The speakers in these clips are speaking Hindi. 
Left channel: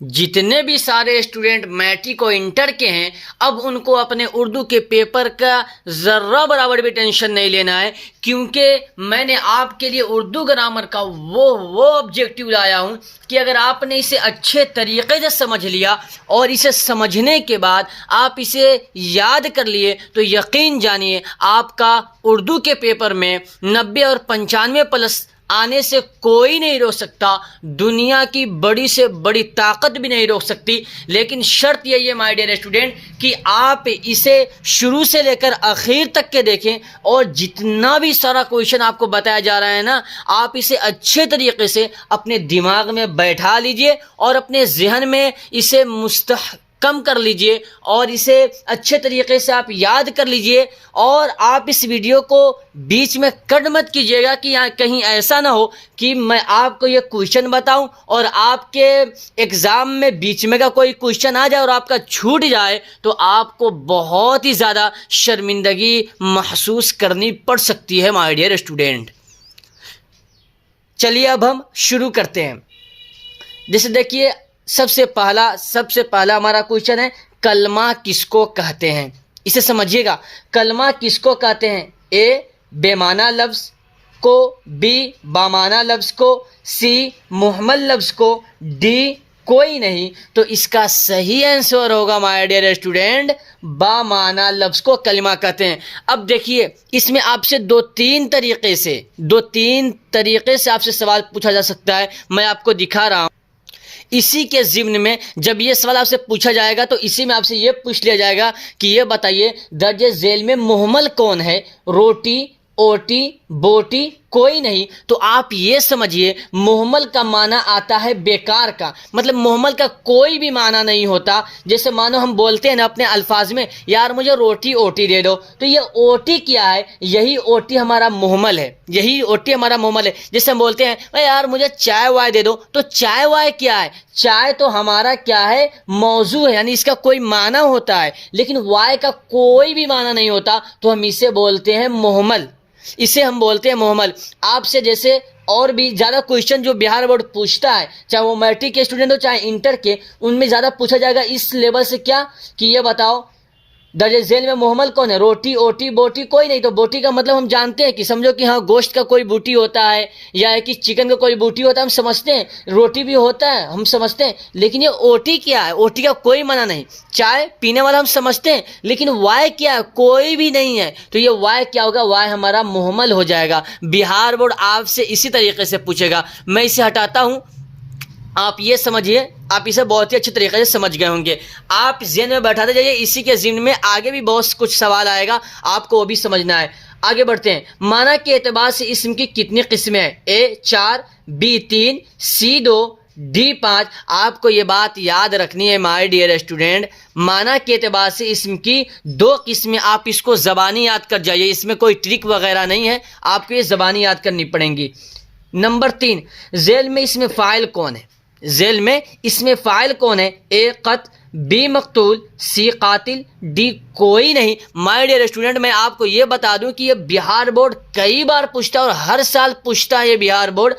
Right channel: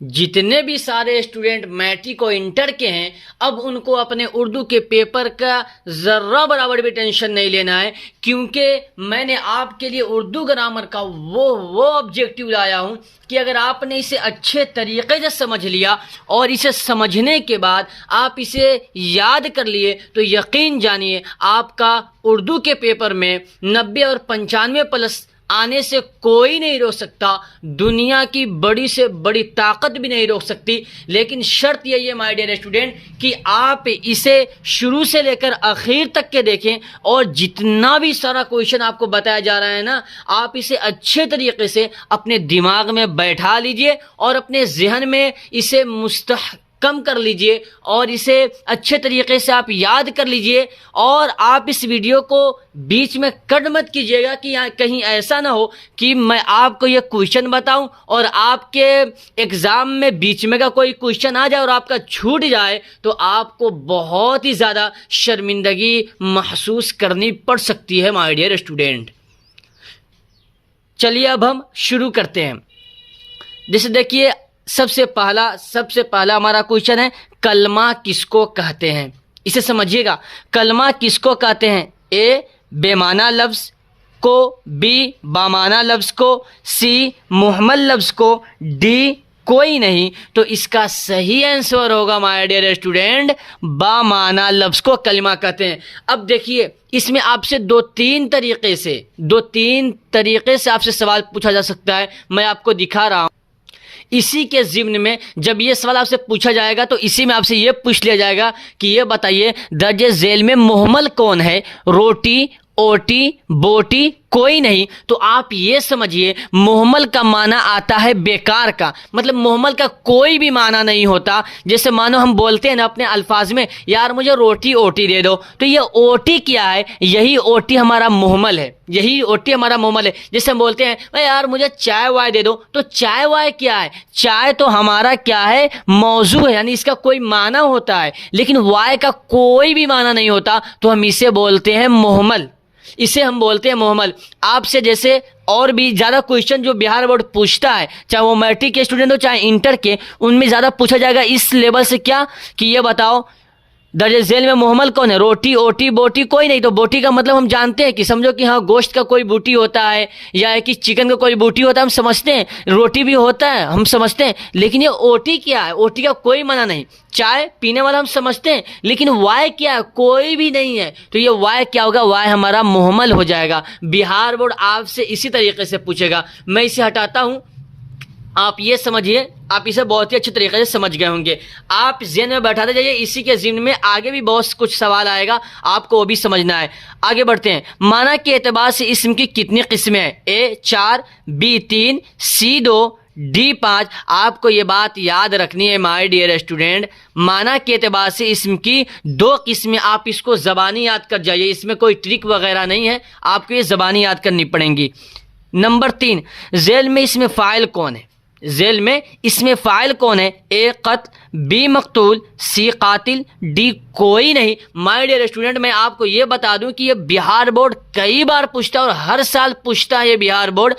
जितने भी सारे स्टूडेंट मैट्रिक और इंटर के हैं, अब उनको अपने उर्दू के पेपर का ज़र्रा बराबर भी टेंशन नहीं लेना है, क्योंकि मैंने आपके लिए उर्दू ग्रामर का वो ऑब्जेक्टिव लाया हूं कि अगर आपने इसे अच्छे तरीके से समझ लिया और इसे समझने के बाद आप इसे याद कर लिए तो यकीन जानिए आपका उर्दू के पेपर में 90 और 95 प्लस आने से कोई नहीं रोक सकता। दुनिया की बड़ी से बड़ी ताकत भी नहीं रोक सकती। लेकिन शर्त यही है माय डियर स्टूडेंट कि आप इसे शुरू से लेकर आखिर तक के देखें और जितना भी सारा क्वेश्चन आपको बताया जा रहा है ना, आप इसे अच्छे तरीके से अपने दिमाग में बैठा लीजिए और अपने जहन में इसे कम कर लीजिए और इसे अच्छे तरीके से आप याद कर लीजिए। और आप इस वीडियो को बीच में कट मत कीजिएगा कि यहाँ कहीं ऐसा ना हो कि मैं आपको ये क्वेश्चन बताऊं और आपके एग्ज़ाम में बीच में का कोई क्वेश्चन आ जाए और आपका छूट जाए तो आपको बहुत ही ज़्यादा शर्मिंदगी महसूस करनी पड़ सकती है माय डियर स्टूडेंट। चलिए अब हम शुरू करते हैं। जैसे देखिए सबसे पहला हमारा क्वेश्चन है, कलमा किसको कहते हैं? इसे समझिएगा। कलमा किसको कहते हैं? ए बेमाना लफ्ज़ को, बी बामाना लफ्ज़ को, सी मुहम्मल लफ्ज़ को, डी कोई नहीं। तो इसका सही आंसर होगा माय डियर स्टूडेंट, बामाना लफ्ज़ को कलमा कहते हैं। अब देखिए इसमें आपसे दो तीन तरीके से आपसे सवाल पूछा जा सकता है। मैं आपको दिखा रहा हूँ। इसी के ज़िम्न में जब ये सवाल आपसे पूछा जाएगा तो इसी में आपसे ये पूछ लिया जाएगा कि ये बताइए दर्जे झेल में मुहम्मल कौन है? रोटी, ओटी, बोटी कोई नहीं। तो आप ये समझिए मुहम्मल का माना आता है बेकार का, मतलब मुहम्मल का कोई भी माना नहीं होता। जैसे मानो हम बोलते हैं ना अपने अल्फाज में, यार मुझे रोटी ओटी दे दो, तो ये ओटी क्या है? यही ओटी हमारा मुहम्मल है, यही ओटी हमारा मुहम्मल है। जैसे हम बोलते हैं यार मुझे चाय वाय दे दो, तो चाय वाय क्या है? चाय तो हमारा क्या है? मौजू है, यानी इसका कोई माना होता है, लेकिन वाय का कोई भी माना नहीं होता, तो हम इसे बोलते हैं मुहम्मल। इसे हम बोलते हैं मुहम्मल। आपसे जैसे और भी ज़्यादा क्वेश्चन जो बिहार बोर्ड पूछता है, चाहे वो मैट्रिक के स्टूडेंट हो चाहे इंटर के, उनमें ज़्यादा पूछा जाएगा इस लेवल से क्या कि ये बताओ दर्जे झेल में मुहम्मल कौन है? रोटी, ओटी, बोटी कोई नहीं। तो बोटी का मतलब हम जानते हैं कि समझो कि हाँ गोश्त का कोई बूटी होता है या है कि चिकन का कोई बूटी होता है, हम समझते हैं। रोटी भी होता है हम समझते हैं, लेकिन ये ओटी क्या है? ओटी का कोई माना नहीं। चाय पीने वाला हम समझते हैं, लेकिन वाय क्या है? कोई भी नहीं है। तो ये वाय क्या होगा? वाय हमारा मुहम्मल हो जाएगा। बिहार बोर्ड आपसे इसी तरीके से पूछेगा। मैं इसे हटाता हूँ, आप ये समझिए, आप इसे बहुत ही अच्छे तरीके से समझ गए होंगे। आप ज़हन में बैठाते जाइए, इसी के ज़हन में आगे भी बहुत कुछ सवाल आएगा, आपको वो भी समझना है। आगे बढ़ते हैं। माना के एतबार से इस्म की कितनी किस्में हैं? ए 4, बी 3, सी 2, डी 5। आपको ये बात याद रखनी है माय डियर स्टूडेंट, माना के एतबार से इस्म की 2 किस्में। आप इसको ज़बानी याद कर जाइए, इसमें कोई ट्रिक वगैरह नहीं है, आपको ये ज़बानी याद करनी पड़ेंगी। नंबर 3, झेल में इसमें फ़ाइल कौन है? झेल में इसमें फ़ाइल कौन है? ए क़त्ल, बी मक़तूल, सी कातिल, डी कोई नहीं। माय डियर स्टूडेंट मैं आपको ये बता दूं कि ये बिहार बोर्ड कई बार पूछता है और हर साल पूछता है ये बिहार बोर्ड।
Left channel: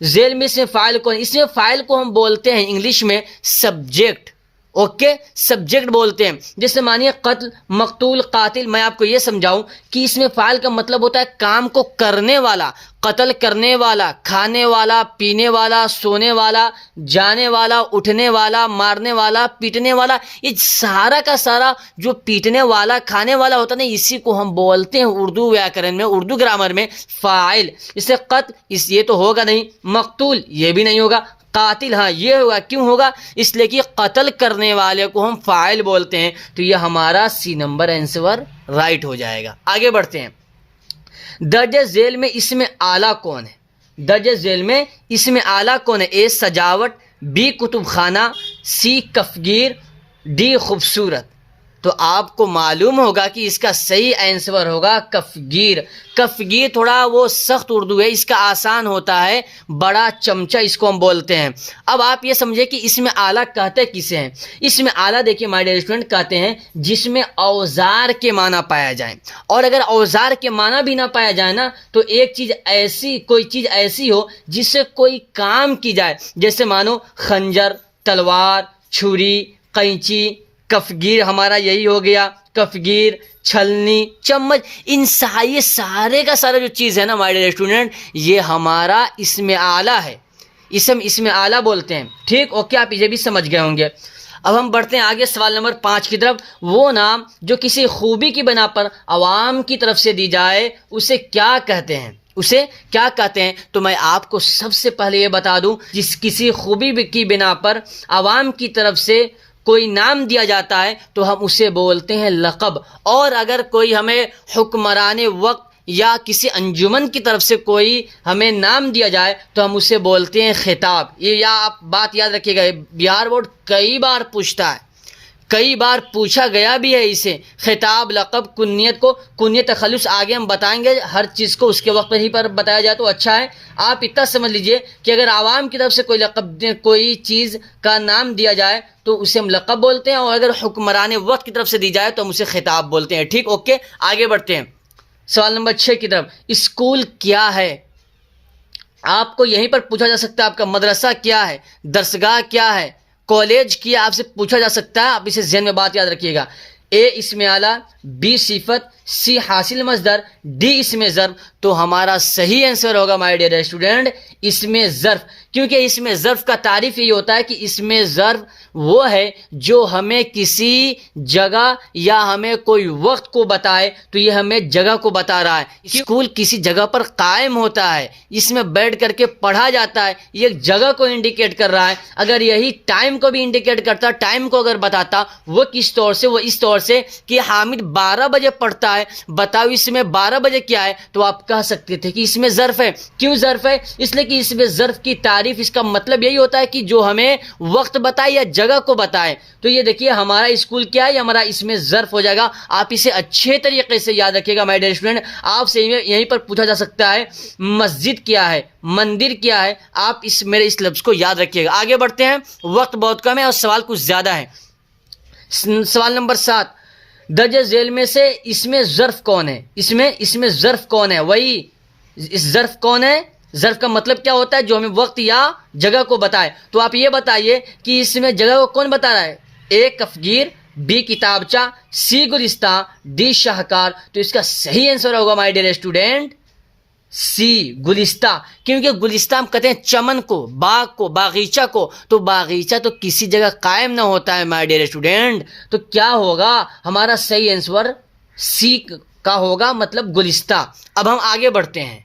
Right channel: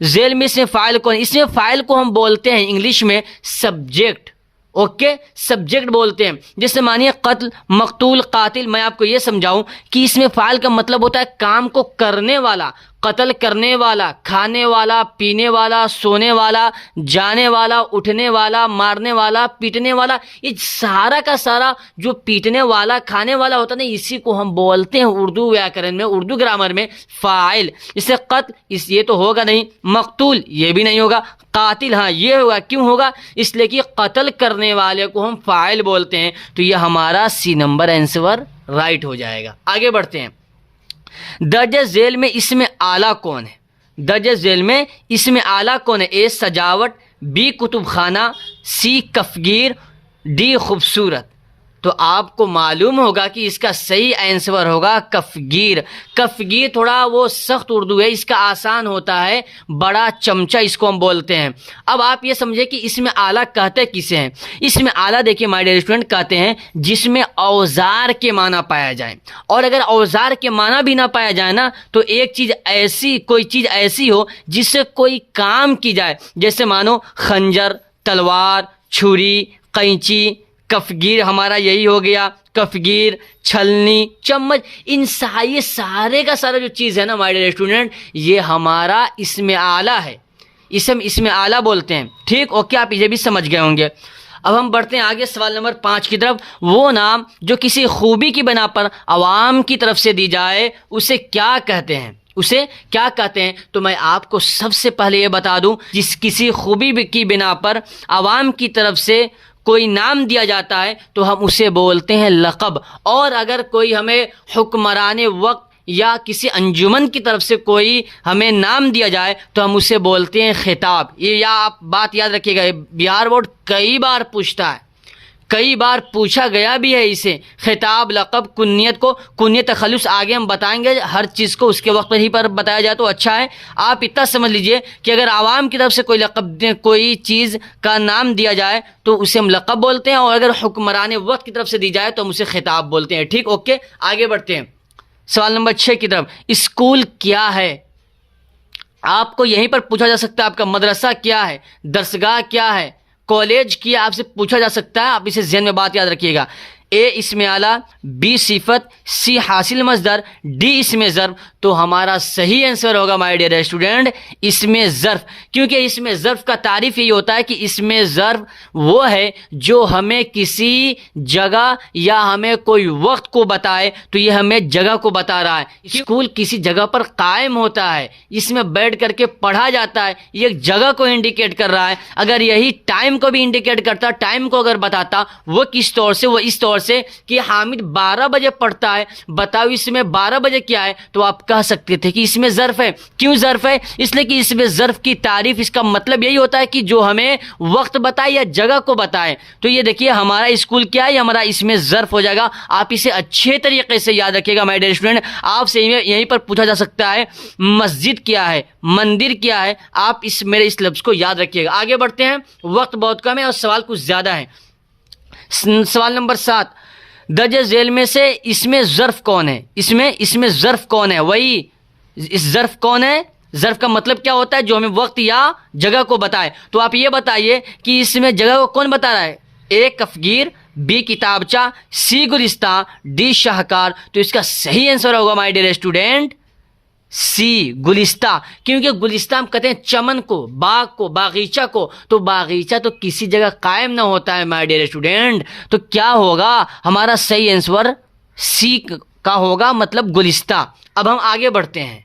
झेल में इसमें फ़ाइल कौन है? इसमें फ़ाइल को हम बोलते हैं इंग्लिश में सब्जेक्ट। ओके, सब्जेक्ट बोलते हैं। जैसे मानिए कत्ल, मकतूल, कातिल, मैं आपको ये समझाऊं कि इसमें फ़ाइल का मतलब होता है काम को करने वाला, कत्ल करने वाला, खाने वाला, पीने वाला, सोने वाला, जाने वाला, उठने वाला, मारने वाला, पीटने वाला। ये सारा का सारा जो पीटने वाला, खाने वाला होता है ना, इसी को हम बोलते हैं उर्दू व्याकरण में, उर्दू ग्रामर में फ़ाइल। इसे कत्ल ये तो होगा नहीं, मकतूल ये भी नहीं होगा, कातिल हाँ ये होगा। क्यों होगा? इसलिए कि कत्ल करने वाले को हम फ़ाइल बोलते हैं। तो ये हमारा सी नंबर आंसर राइट हो जाएगा। आगे बढ़ते हैं। दर्जे झेल में इसमें आला कौन है? दर्जे झेल में इसमें आला कौन है? ए सजावट, बी कुतुब खाना, सी कफगीर, डी खूबसूरत। तो आपको मालूम होगा कि इसका सही आंसर होगा कफगीर। कफगीर थोड़ा वो सख्त उर्दू है, इसका आसान होता है, बड़ा चमचा इसको हम बोलते हैं। अब आप ये समझे कि इसमें आला कहते किसे हैं? इसमें आला देखिए माय डियर स्टूडेंट कहते हैं जिसमें औजार के माना पाया जाए। और अगर औजार के माना भी ना पाया जाए ना, तो एक चीज़ ऐसी, कोई चीज़ ऐसी हो जिससे कोई काम की जाए। जैसे मानो खंजर, तलवार, छुरी, कैंची, कफगीर हमारा यही हो गया, कफगीर, छलनी, चम्मच, इन ये सारे का सारा जो चीज़ है ना माय डियर स्टूडेंट, ये हमारा इसमें आला है, इसे हम इसमें आला बोलते हैं। ठीक, ओके, आप ये भी समझ गए होंगे। अब हम बढ़ते हैं आगे सवाल नंबर 5 की तरफ। वो नाम जो किसी खूबी की बिना पर आवाम की तरफ से दी जाए उसे क्या कहते हैं, उसे क्या कहते हैं? तो मैं आपको सबसे पहले ये बता दूं, जिस किसी खूबी की बिना पर आवाम की तरफ से कोई नाम दिया जाता है तो हम उसे बोलते हैं लक़ब। और अगर कोई हमें हुक्मरान वक्त या किसी अंजुमन की तरफ से कोई हमें नाम दिया जाए तो हम उसे बोलते हैं खिताब। ये या आप बात याद रखिएगा, बिहार बोर्ड कई बार पूछता है, कई बार पूछा गया भी है इसे। खिताब, लक़ब, कुन्नियत को कुन्नियत तखल्लुस आगे हम बताएंगे, हर चीज़ को उसके वक्त पर ही पर बताया जाए तो अच्छा है। आप इतना समझ लीजिए कि अगर आवाम की तरफ से कोई लक़ब कोई चीज़ का नाम दिया जाए तो उसे हम लक़ब बोलते हैं, और अगर हुक्मरान वक्त की तरफ से दी जाए तो हम उसे खिताब बोलते हैं। ठीक, ओके, आगे बढ़ते हैं सवाल नंबर 6 की तरफ। स्कूल क्या है? आपको यहीं पर पूछा जा सकता है, आपका मदरसा क्या है, दरसगाह क्या है, कॉलेज किया, आपसे पूछा जा सकता है। आप इसे ज़हन में बात याद रखिएगा। ए इसमें आला, बी सिफत, सी हासिल मस्दर, डी इसमें ज़र्फ। तो हमारा सही आंसर होगा माय डियर स्टूडेंट इसमें ज़र्फ, क्योंकि इसमें ज़र्फ का तारीफ यही होता है कि इसमें ज़र्फ वो है जो हमें किसी जगह या हमें कोई वक्त को बताए, तो ये हमें जगह को बता रहा है। स्कूल किसी जगह पर कायम होता है, इसमें बैठ करके पढ़ा जाता है, ये एक जगह को इंडिकेट कर रहा है। अगर यही टाइम को भी इंडिकेट करता, टाइम को अगर बताता, वो किस तौर से, वो इस तौर से कि हामिद 12 बजे पढ़ता है, बताओ इसमें 12 बजे क्या है, तो आप कह सकते थे कि इसमें ज़र्फ है। क्यों ज़र्फ है? इसलिए कि इसमें ज़र्फ की तारीफ, इसका मतलब यही होता है कि जो हमें वक्त बताए या जगह को बताए। तो ये देखिए हमारा स्कूल क्या है, हमारा इसमें ज़र्फ हो जाएगा। आप इसे अच्छे तरीके से याद रखिएगा माय डियर स्टूडेंट। आपसे यहीं पर पूछा जा सकता है मस्जिद क्या है, मंदिर क्या है, आप इस मेरे इस लफ्ज़ को याद रखिएगा। आगे बढ़ते हैं, वक्त बहुत कम है और सवाल कुछ ज़्यादा है। सवाल नंबर 7, दर्जे झेल में से इसमें ज़र्फ कौन है? इसमें ज़र्फ कौन है? वही इस ज़र्फ कौन है? ज़र्फ का मतलब क्या होता है? जो हमें वक्त या जगह को बताए। तो आप ये बताइए कि इसमें जगह को कौन बता रहा है? ए कफगीर, बी किताबचा, सी गुलिस्तान, डी शाहकार। तो इसका सही आंसर होगा माय डियर स्टूडेंट सी गुलिस्ता, क्योंकि गुलिस्ता हम कहते हैं चमन को, बाग को, बागीचा को। तो बागीचा तो किसी जगह कायम ना होता है माय डियर स्टूडेंट। तो क्या होगा हमारा सही आंसर? सी का होगा, मतलब गुलिस्ता। अब हम आगे बढ़ते हैं,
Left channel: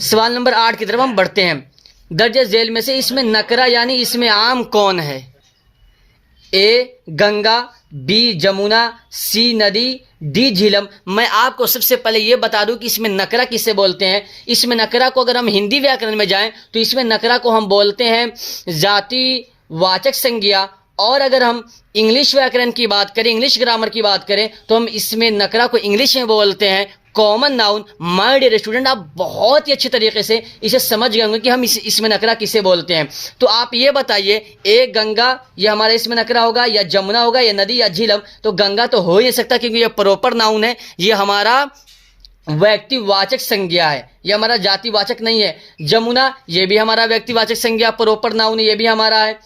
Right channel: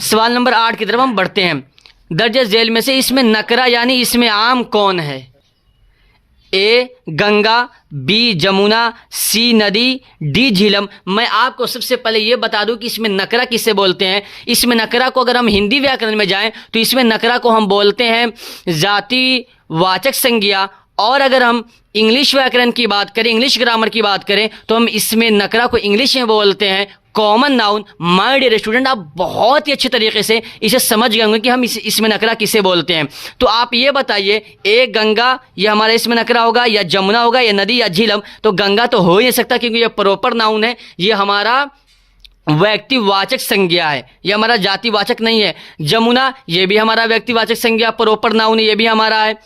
सवाल नंबर 8 की तरफ हम बढ़ते हैं। दर्जे झेल में से इसमें नकरा यानी इसमें आम कौन है? ए गंगा, बी जमुना, सी नदी, डी झीलम। मैं आपको सबसे पहले ये बता दूं कि इसमें नकरा किसे बोलते हैं। इसमें नकरा को अगर हम हिंदी व्याकरण में जाएं तो इसमें नकरा को हम बोलते हैं जाति वाचक संज्ञा, और अगर हम इंग्लिश व्याकरण की बात करें, इंग्लिश ग्रामर की बात करें, तो हम इसमें नकरा को इंग्लिश में बोलते हैं common noun. My dear student, आप बहुत ही अच्छे तरीके से इसे समझ गए होंगे कि हम इसमें नकरा किसे बोलते हैं। तो आप ये बताइए, ए गंगा ये हमारा इसमें नकरा होगा, या जमुना होगा, या नदी, या झीलम? तो गंगा तो हो ही नहीं सकता, क्योंकि ये प्रॉपर नाउन है, ये हमारा व्यक्तिवाचक संज्ञा है, ये हमारा जातिवाचक नहीं है। जमुना ये भी हमारा व्यक्तिवाचक संज्ञा, प्रॉपर नाउन, ये भी हमारा है।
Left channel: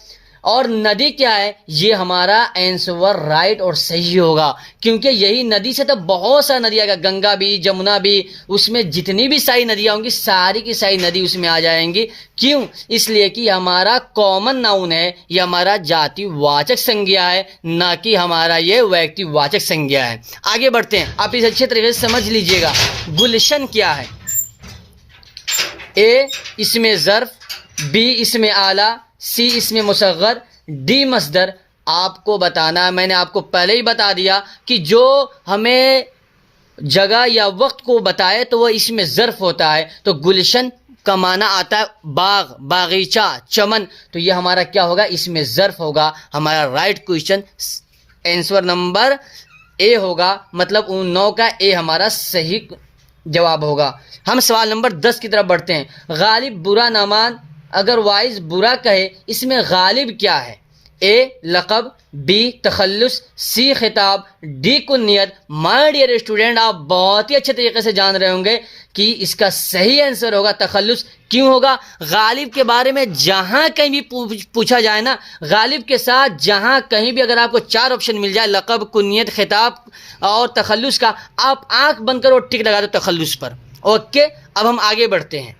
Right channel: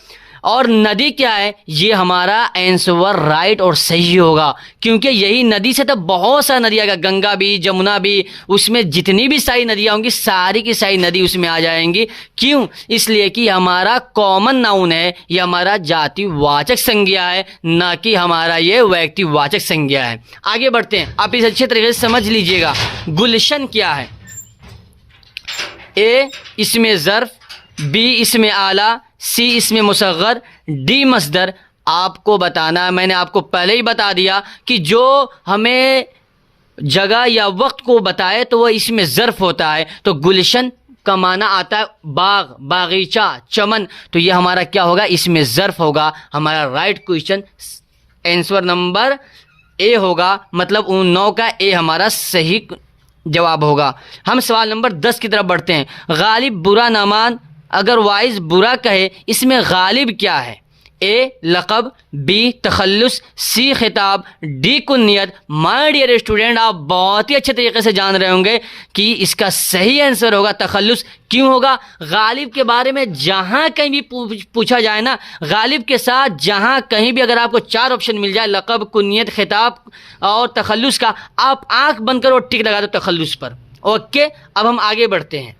और नदी क्या है? ये हमारा आंसर राइट और सही होगा, क्योंकि यही नदी से तो बहुत सारी नदियाँ आएगा, गंगा भी, जमुना भी, उसमें जितनी भी सारी नदियाँ होंगी सारी की सारी नदी उसमें आ जाएंगी। क्यों? इसलिए कि हमारा कॉमन नाउन है, ये हमारा जातिवाचक संज्ञा है, ना कि हमारा ये व्यक्तिवाचक संज्ञा है। आगे बढ़ते हैं, आप इसे अच्छे तरीके से समझ लीजिएगा। गुलशन क्या है? ए इसमें ज़र्फ, बी इसमें आला, सी इसमें मुसग़्ग़र, डी मस्दर। आपको बताना है, मैंने आपको पहले ही बता दिया कि जो हमें जगह या वक्त को बताए तो वह इसमें ज़र्फ होता है। तो गुलशन का माना आता है बाग, बागीचा, चमन। तो ये हमारा क्या होगा? इसमें ज़र्फ होगा। हमारा right question answer number A होगा, मतलब उन 9 का ए हमारा सही जवाब होगा। हम सवाल नंबर 10 की तरफ बढ़ते हैं। गालिब बुरा ना मान, अगर वाइज बुरा कहे, इसमें गालिब क्या है? ए लक़ब, बी तखल्लुस, सी खिताब, डी कुन्नियत। माय डियर स्टूडेंट, आप बहुत ही अच्छे तरीके से जान रहे होंगे कि इसका सही आंसर होगा तखल्लुस। क्यों होगा? गालिब के बारे में जहां कहीं भी पूछा जाए ना, गालिब के साथ जहां कहीं भी अगर आपको 4 ऑप्शन मिल जाए, लक़ब, कुन्नियत, खिताब और तखल्लुस का, आप आंख बंद करो, टिक लगा दो तखल्लुस पर। ओके, अब हम आगे बढ़ते हैं।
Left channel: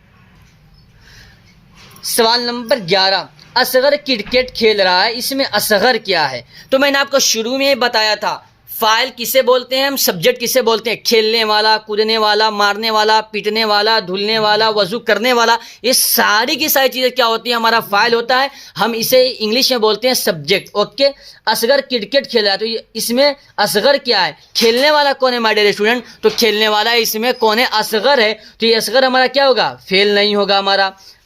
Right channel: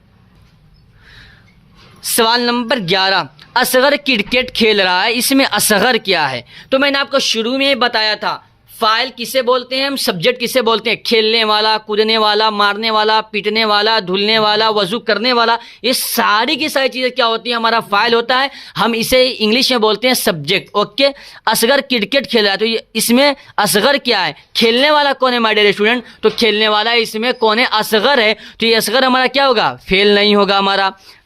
सवाल नंबर 11, असगर क्रिकेट खेल रहा है, इसमें असगर क्या है? तो मैंने आपको शुरू में ही बताया था, फाइल किसे बोलते हैं हम, सब्जेक्ट किसे बोलते हैं? खेलने वाला, कूदने वाला, मारने वाला, पीटने वाला, धुलने वाला, वजू करने वाला, ये सारी की सारी चीज़ें क्या होती है? हमारा फाइल होता है। हम इसे इंग्लिश में बोलते हैं सब्जेक्ट। ओके, असगर क्रिकेट खेल रहा है, तो ये इसमें असगर क्या है? खेलने वाला कौन है माय डियर स्टूडेंट? तो खेलने वाला इसमें कौन है? असगर है। तो ये असगर हमारा क्या होगा? फेल नहीं होगा,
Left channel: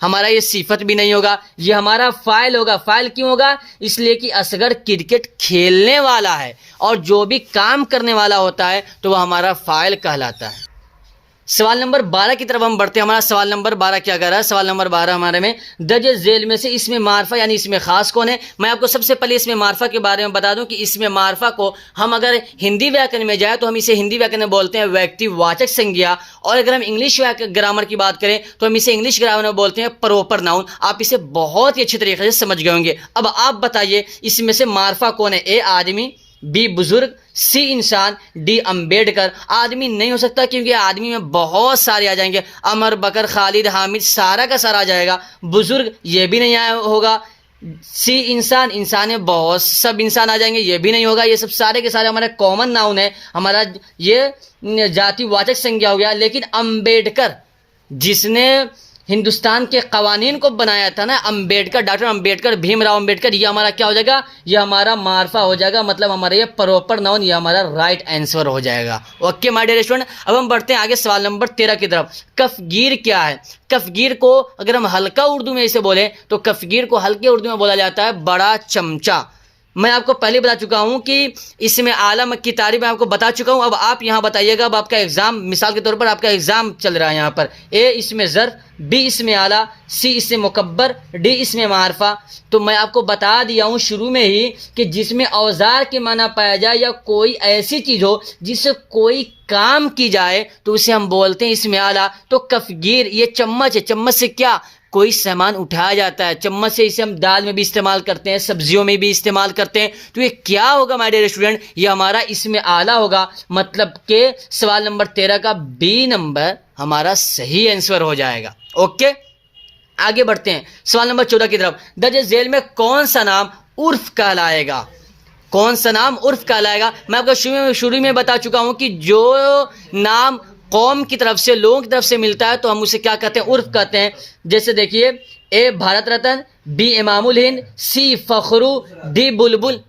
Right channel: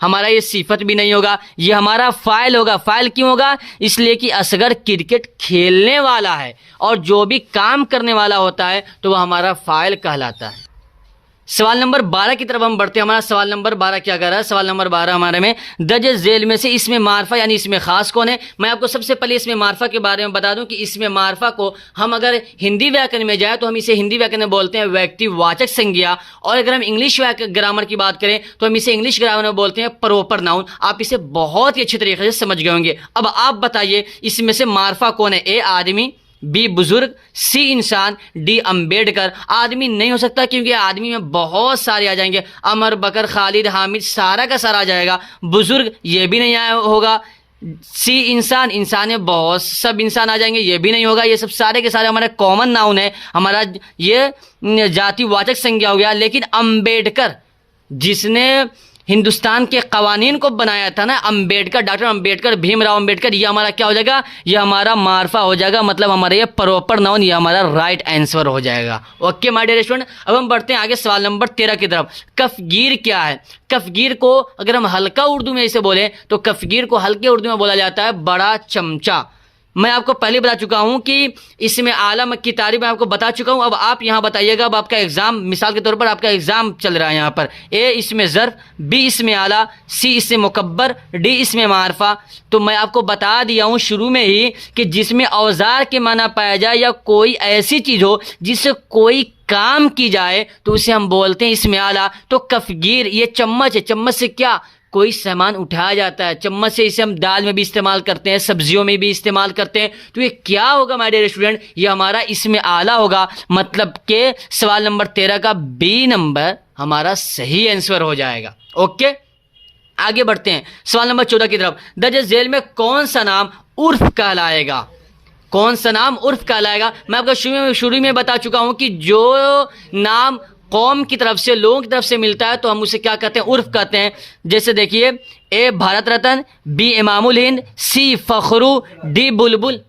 हमारा ये सिफत भी नहीं होगा, ये हमारा फाइल होगा। फाइल क्यों होगा? इसलिए कि असगर क्रिकेट खेलने वाला है और जो भी काम करने वाला होता है तो वह हमारा फाइल कहलाता है। सवाल नंबर 12 की तरफ हम बढ़ते हैं। हमारा सवाल नंबर 12 क्या कर रहा है? सवाल नंबर 12 हमारे में दर्ज झेल में से इसमें मार्फा यानी इसमें खास कौन है? मैं आपको सबसे पहले इसमें मार्फा के बारे में बता दूं कि इसमें मार्फा को हम अगर हिंदी व्याकरण में जाए तो हम इसे हिंदी व्याकरण में बोलते हैं व्यक्तिवाचक संज्ञा, और अगर हम इंग्लिश ग्रामर की बात करें तो हम इसे इंग्लिश ग्रामर में बोलते हैं प्रॉपर नाउन। आप इसे बहुत ही अच्छी तरीके से समझ गए होंगे। अब आप बताइए इसमें से मार्फा कौन है? ए आदमी, बी बुजुर्ग, सी इंसान, डी अम्बेडकर। आदमी नहीं हो सकता क्योंकि आदमी में बहुत सारे आ जाएंगे, अमर, बकर, खालिद, हामिद, सारा का सारा आ जाएगा। बुजुर्ग ये भी नहीं आया होगा। सी इंसान, इंसान है बहुत, सब इंसान आ जाएंगे, ये भी नहीं होगा। ये सब सारे के सारे हमारे कॉमन नाउन है, हमारा ये जातिवाचक संज्ञा हो गया। लेकिन अम्बेडकर, जिसने हिंदुस्तान के कवानीन को बनाया था ना, अम्बेडकर, डॉक्टर अम्बेडकर, भीमराव अम्बेडकर, ये हमारा क्या हो जाएगा? ये हमारा मार्फा हो जाएगा, मतलब हमारा ये प्रॉपर नाउन, ये हमारा राइट आंसर हो जाएगा। ओके माय डियर स्टूडेंट, अब हम बढ़ते हैं आगे सवाल नंबर 13 की तरफ। कफगीर क्या है? कफगीर को अगर हम हल्का उर्दू में इसे बोले तो कफगीर को हल्के उर्दू में बोला जाता है बड़ा चमचा। मैं आपको पहले बता चुका हूं कि इसमें आलम की तारीफ मैं आपको बता चुका हूं। अब आप यहां बताइएगा, अब आपका एग्जाम, मिसाल के तौर पर आपका एग्जाम चल रहा है यहां पर, ए इसमें ज़र्फ, बी इसमें आला, सी इसमें मुकब्बर, डी इसमें मारफा। तो मैं आपको बता दिया हूं शुरू में ही कि जिसमें औजार के माना पाया जाए या कोई ऐसी चीज हो जिससे कोई काम की जाए तो उसे हम बोलते हैं इसमें आला। तो कफगीर ये चम्मच है, चम्मच से क्या कोई सामान उठाया जाता है, चम्मच से इसे हम दाल में भी इस्तेमाल करते हैं, सब्जियों में भी इस्तेमाल करते हैं। तो ये क्या होगा माय डियर स्टूडेंट? ये हमारा इसमें आला होगा। मतलब के सवाल नंबर 13 का बी नंबर हमारा सही आंसर हो जाएगा। ओके, आगे बढ़ते हैं सवाल नंबर 14 की तरफ। दर्ज झेल में कौन सा नाम उर्फ कहलाएगा? कौन सा नाम उर्फ कहलाएगा? मैं आपको शुरू में बता चुका हूं कि जो नाम कौम की तरफ से, लोगों की तरफ से मिलता है तो हम उसे क्या कहते हैं? उर्फ कहते हैं। जैसे देखिए, ए भारत रत्न, बी इमामुल हिंद, सी फखरू, डी बुलबुल,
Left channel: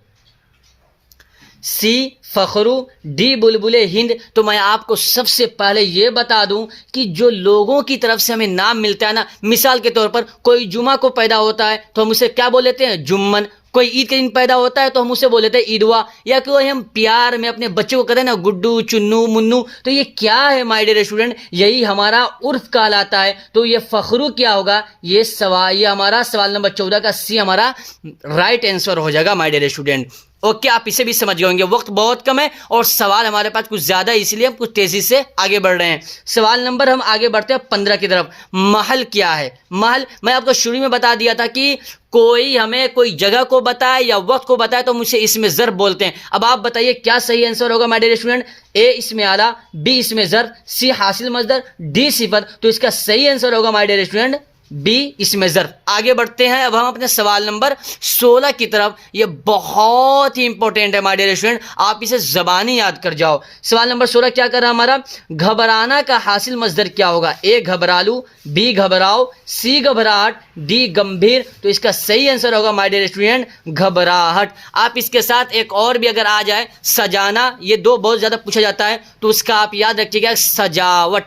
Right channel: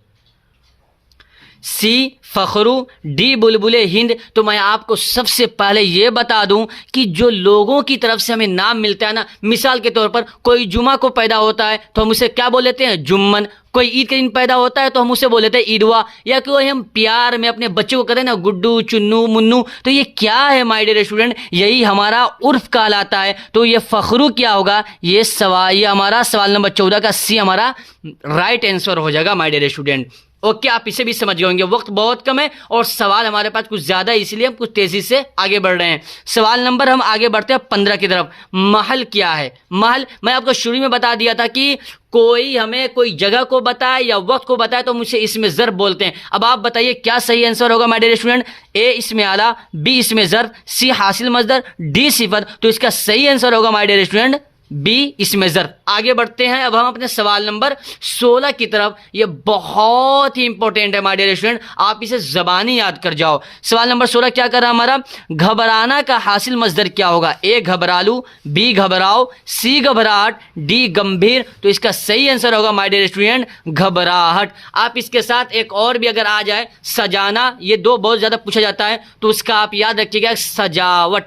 सी फखरू, डी बुलबुले हिंद। तो मैं आपको सबसे पहले ये बता दूं कि जो लोगों की तरफ से हमें नाम मिलता है ना, मिसाल के तौर पर कोई जुमा को पैदा होता है तो हम उसे क्या बोल लेते हैं? जुम्मन। कोई ईद के दिन पैदा होता है तो हम उसे बोल लेते हैं ईदवा। या कोई हम प्यार में अपने बच्चे को कहते हैं ना गुड्डू, चुन्नू, मुन्नू। तो ये क्या है माय डियर स्टूडेंट? यही हमारा उर्फ कहलाता है। तो ये फखरू क्या होगा? ये हमारा सवाल नंबर 14 का सी हमारा राइट आंसर हो जाएगा माय डियर स्टूडेंट। ओके, आप इसे भी समझ गए होंगे। वक्त बहुत कम है और सवाल हमारे पास कुछ ज्यादा है, इसलिए हम कुछ तेजी से आगे बढ़ रहे हैं। सवाल नंबर हम आगे बढ़ते हैं 15 की तरफ। महल क्या है? महल मैं आपको शुरू में बता दिया था कि कोई हमें कोई जगह को बताए या वक्त को बताए तो मुझे इसमें ज़र्फ बोलते हैं। अब आप बताइए क्या सही आंसर होगा माय डियर स्टूडेंट? ए इसमें आला, बी इसमें ज़र्फ, सी हासिल मजदर, डी सिफत। तो इसका सही आंसर होगा माय डियर स्टूडेंट बी इसमें ज़र्फ। आगे बढ़ते हैं अब हम अपने सवाल नंबर 16 की तरफ। ये बहुत ही इंपॉर्टेंट है माय डियर स्टूडेंट, आप इसे ज़बानी याद कर जाओ। सवाल नंबर 16 क्या कर रहा है हमारा? घबराना का हासिल मजदर क्या होगा? ए घबरालू, बी घबराओ, सी घबराहट, डी गंभीर। तो इसका सही आंसर होगा माय डियर स्टूडेंट घबराहट। आप इसके साथ एक और भी अगर आ जाए, सजाना, ये दो बहुत ज़्यादा पूछा जाता है तो उसका आप याद रखिएगा सजावट,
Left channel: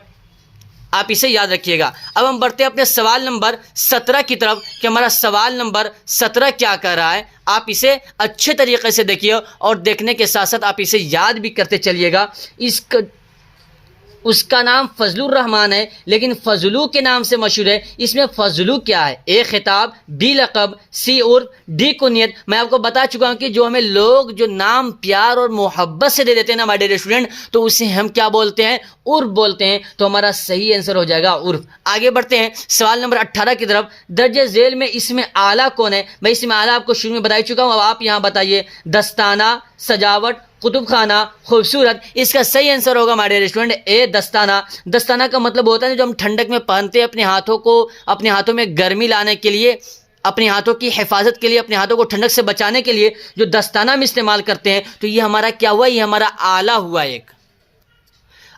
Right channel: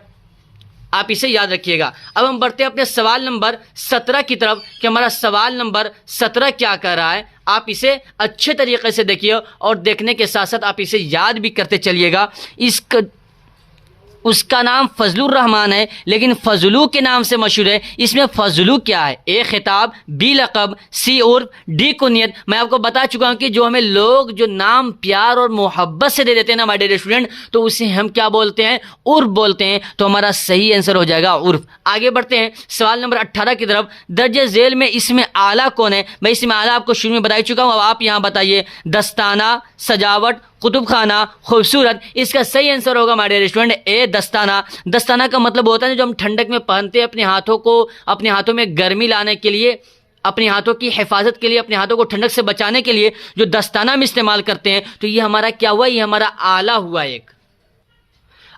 आप इसे याद रखिएगा। अब हम बढ़ते हैं अपने सवाल नंबर 17 की तरफ कि हमारा सवाल नंबर 17 क्या कर रहा है। आप इसे अच्छे तरीके से देखिए और देखने के साथ साथ आप इसे याद भी करते चलिएगा। उसका नाम फजलुर रहमान है, लेकिन फजलू के नाम से मशहूर है। इसमें फजलू क्या है? ए खिताब, बी लक़ब, सी उर्फ, डी कुनियत। मैं आपको बता चुका हूं कि जो हमें लोग जो नाम प्यार और मोहब्बत से दे देते हैं ना हमारे स्टूडेंट, तो उसे हम क्या बोलते हैं? उर्फ बोलते हैं। तो हमारा सही आंसर हो जाएगा उर्फ। आगे बढ़ते हैं सवाल नंबर 18 की तरफ। दर्जे झेल में इसमें आला कौन है? मैं इसमें आला आपको शुरू में बता चुका हूं, अब आप यहां बताइए। दस्ताना, सजावट, कुतुब खाना, खूबसूरत। इसका सही आंसर होगा हमारे स्टूडेंट ए दस्ताना। दस्ताना का मतलब होता है जो हम ठंडक में पहनते हैं अपने हाथों को, अपने हाथों में गर्मी लाने के लिए, अपने हाथों की हिफाजत के लिए, अपने हाथों को ठंडक से बचाने के लिए जो दस्ताना हम इस्तेमाल करते हैं। तो ये हमारा क्या हुआ? ये हमारा आला हुआ एक।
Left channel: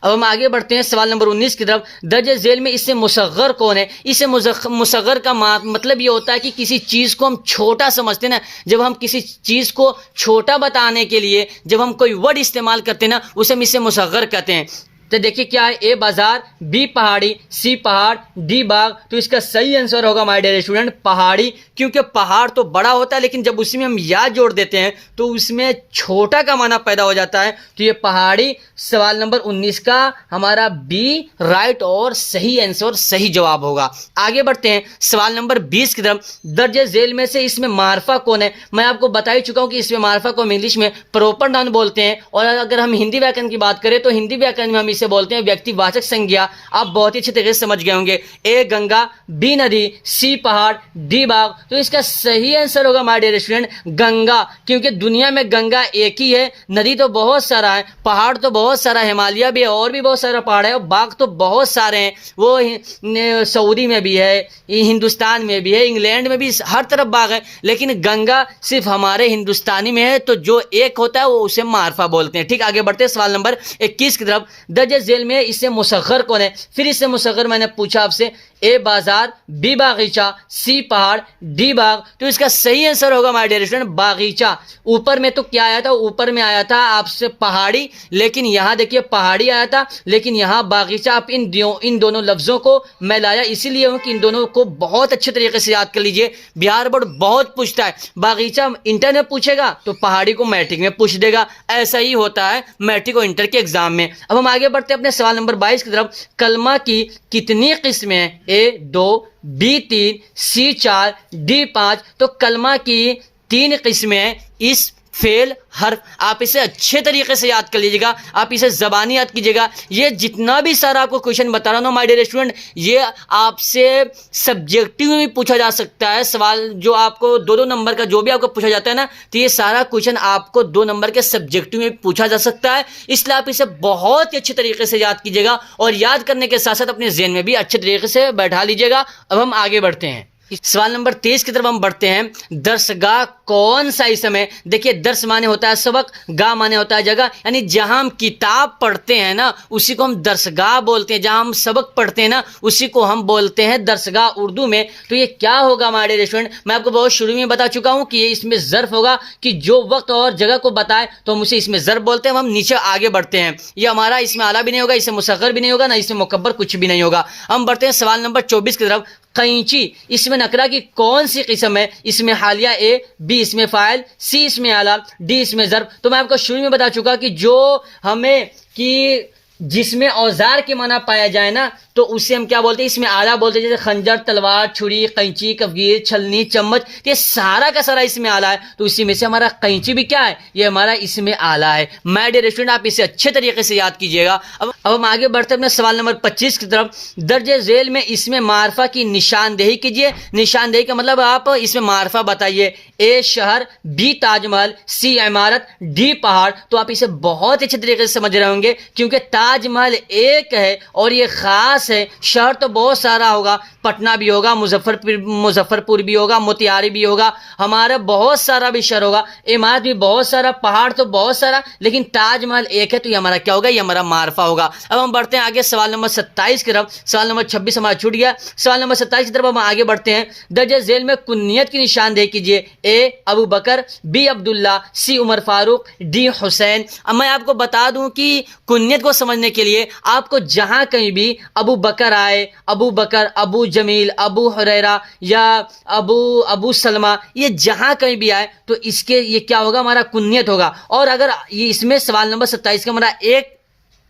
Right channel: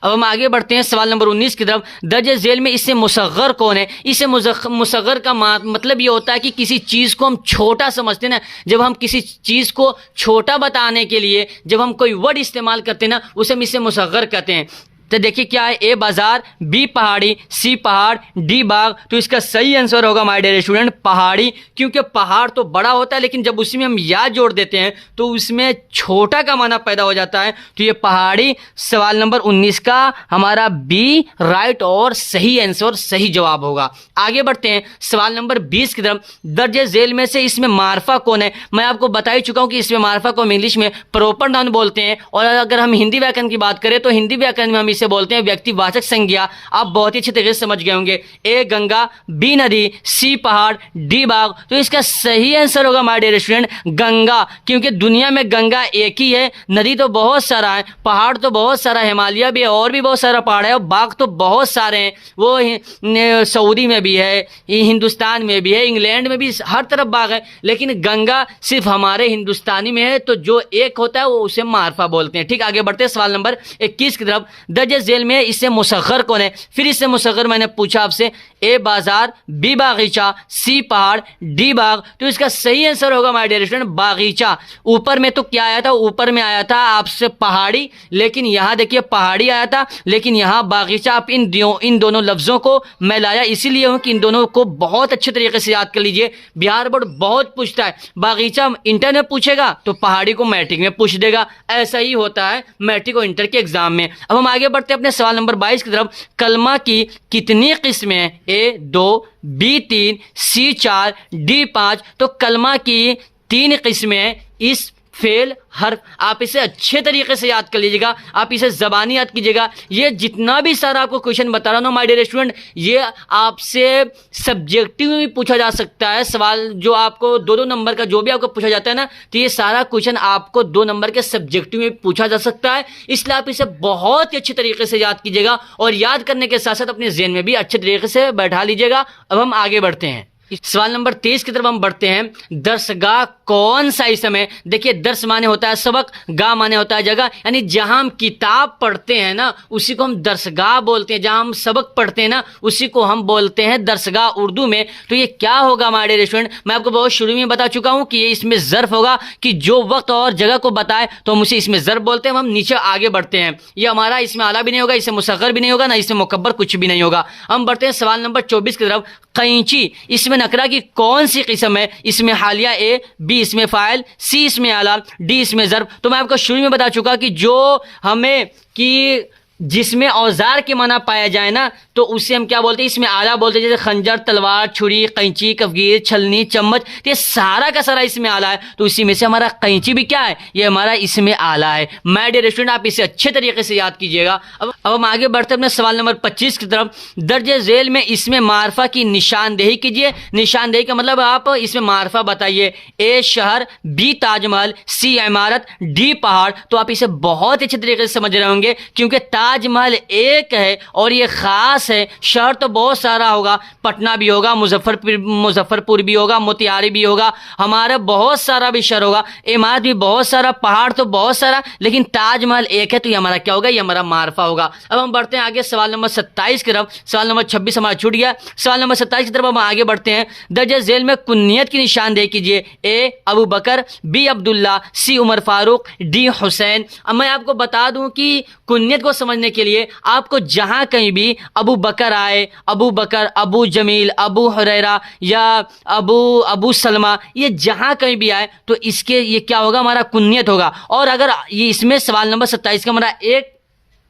अब हम आगे बढ़ते हैं सवाल नंबर 19 की तरफ। दर्जे झेल में इससे मुसग्गर कौन है? इससे मुसग्गर का मतलब ये होता है कि किसी चीज़ को हम छोटा समझते हैं ना, जब हम किसी चीज़ को छोटा बताने के लिए जब हम कोई वर्ड इस्तेमाल करते हैं ना, उसे हम इससे मुसग्गर कहते हैं। तो देखिए क्या है? ए बाजार, बी पहाड़ी, सी पहाड़, डी बाग। तो इसका सही आंसर होगा माय डियर स्टूडेंट पहाड़ी, क्योंकि पहाड़ तो बड़ा होता है लेकिन जब उसी में हम या जोड़ देते हैं तो उसमें छोटा का माना पैदा हो जाता है। तो ये पहाड़ी सवाल नंबर 19 का हमारा बी राइट और सही आंसर, सही जवाब होगा। आगे बढ़ते हैं सवाल नंबर 20 की तरफ। दर्जे झेल में से इसमें मार्फा कौन है? मैं आपको बता ही चुका हूं कि इसमें मार्फा को हम इंग्लिश में प्रॉपर नाउन बोलते हैं, और अगर हम हिंदी व्याकरण की बात करें तो हिंदी व्याकरण में हम इसे बोलते हैं व्यक्तिवाचक संज्ञा। आप बहुत ही अच्छे तरीके से समझ गए होंगे। ए गंगा, बी नदी, सी पहाड़, डी बाग। तो इसका सही आंसर होगा माय डियर स्टूडेंट गंगा, क्योंकि दुनिया में गंगा एक ही है। नदी तो बहुत सारा है, पहाड़ तो बहुत सारा, हिमालय भी है और भी बहुत सारा पहाड़ है, और बाग तो बहुत सारे हैं। वो सऊदी में भी है, हिंदुस्तान में भी है, इंग्लैंड में भी, हर तरफ बाग है, लेकिन गंगा सिर्फ हमारे हिंदुस्तानी में है। तो जो एक होता है वो उसे मार्फा बोलते हैं। ठीक, आगे बढ़ते हैं सवाल नंबर 21 की तरफ। दर्जे झेल में इससे मुसग्गर कौन है? फिर इससे मुसग्गर मैंने पूछा आपसे। ए बाजार, बी बागीचा, सी पहाड़, डी बाग। तो इसका सही आंसर होगा माय डियर स्टूडेंट बागीचा। ऊपर में तो क्या आया था? ऊपर में आया था आपसे पहाड़ी, लेकिन यहां देखिए पहाड़ी आया था, लेकिन यहां बागीचा। आप इन दोनों लफ्जों को मैं लाया इसीलिए हूं कि इन दोनों को बहुत अच्छे तरीके से याद कर लीजिए। बिहार बोर्ड बहुत पूछता है, बागीचा इंटर में पूछेगा तो पहाड़ी को मैट्रिक में पूछ देगा। ऐसा ही होता है मैट्रिक और इंटर के एग्जाम में। अब हम आगे बढ़ते हैं अपने सवाल नंबर 22 की तरफ। कलमा की कितनी किस्में हैं? ए 2, बी 3, सी 4, डी 5। तो कलमा की 3 किस्में हैं। इस फेल हर्फ, आप इसे अच्छे तरीके से याद कर लीजिएगा, आप इसे जबानी याद कीजिएगा। ये जितना भी सारा आपको क्वेश्चन बता रहा हूं माय डियर स्टूडेंट, ये आपसे सब्जेक्टिव में भी पूछा जा सकता है। सवाल जो आपको 2-2 नंबर का जो भी आपको पूछा जाता है ना, तो ये सारा क्वेश्चन आपको 2 नंबर के सब्जेक्टिव में पूछा जा सकता है। इसलिए आप इसे बहुत ही अच्छे तरीके से याद कीजिएगा, और याद करने के साथ साथ अपने ज़हन में भी अच्छे तरीके से बैठा लीजिएगा। अब हम आगे बढ़ते हैं सवाल नंबर 23 की तरफ हम बढ़ते हैं। दर्सगाह कौन सा इसम है? देखिए दर्स माने होता है सबक, गाह माने होता है जगह, यानी जहां हम किताब पढ़ते हैं ना उसी को हम दर्सगाह बोलते हैं। जहां हम सबक पढ़ते हैं ना उसी को हम बोलते हैं दर्सगाह उर्दू में। तो ये क्या होगा हमारे रेस्टोरेंट? मैं आपको बहुत शुरू में बता चुका हूं कि ये इसमें ज़र्फ होगा, कि जो वक्त और जगह को बताए तो हम उसे इसमें ज़र्फ बोलते हैं। हम नीचे आगे बढ़ते हैं। ये हमारा इसमें आला भी नहीं होगा, इसमें मुसग्गर भी नहीं होगा, ना इसमें मुकब्बर, कुछ भी नहीं होगा। हम बढ़ते हैं सवाल नंबर 24 की तरफ। कैंची इसमें नकरा की कौन सी किस्म है? इसमें हालिया ए, बी इसमें फाइल, सी इसमें आला, डी इसमें ज़र्फ। तो मैं आपको शुरू में बता चुका कि जो हमें कि जिसमें औजार के माना पाया जाए ना तो उसे हम क्या बोलते हैं? इसमें आला बोलते हैं। जैसे खंजर, तलवार, छुरी, कैंची, कफगीर, छलनी, चम्मच, तो ये सारा का सारा इसमें आला है। तो इसी में से हमारा कैंची भी क्या है? ये हमारा इसमें आला है। माय डियर स्टूडेंट, आप इसे अच्छे तरीके से याद कीजिएगा। अब हम आगे बढ़ते हैं अपने सवाल नंबर 25 की तरफ। दर्जे झेल में इसमें मार्फा की निशानदेही कीजिए। निशानदेही का मतलब आप इसमें मार्फा बताइए। ए शहर, बी ताजमहल, सी इमारत, डी पहाड़। तो आप इसे बहुत अच्छे तरीके से समझ रहे होंगे, क्योंकि ताजमहल एक है और ये खास है। शहर तो बहुत सारा होगा, पटना भी होगा, मुजफ्फरपुर भी होगा, मोतिहारी भी होगा, हमारा बहुत सारा भी शहर होगा, इमारत भी बहुत सारा, पहाड़ तो बहुत सारा, लेकिन ताजमहल एक है। तो ये हमारा क्या होगा? ये हमारा मार्फा होगा। अब हम बढ़ते हैं आगे सवाल नंबर 27 की तरफ। सवाल नंबर 26 हमारा छूट गया। सवाल नंबर 27 की तरफ हम आगे बढ़ते हैं। दर्जे झेल में कुन्नियत की निशानदेही कीजिए। ए अबू बकर, बी अब्दुल्ला, सी उमर फारूक, डी हुसैन। अब मैं आपको बता दूं कि कुन्नियत को समझने के लिए आपको जहां कहीं भी अबू बकर आए, अबू बकर, अबू जमील, अबू हुरैरा या अबू सलमा, ये जहां कहीं भी आए तो इसके ये क्या होगा? हमारा कुन्नियत होगा। और अगर ये इसमें सवाल नंबर 27 का हमारा एक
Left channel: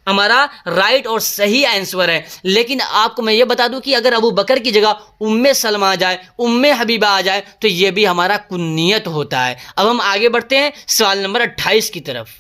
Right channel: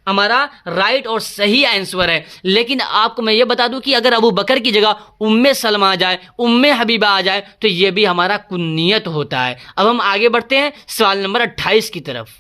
हमारा राइट और सही आंसर है। लेकिन आपको मैं ये बता दूं कि अगर अबू बकर की जगह उम्मे सलमा आ जाए, उम्मे हबीबा आ जाए, तो ये भी हमारा कुन्नियत होता है। अब हम आगे बढ़ते हैं सवाल नंबर 28 की तरफ।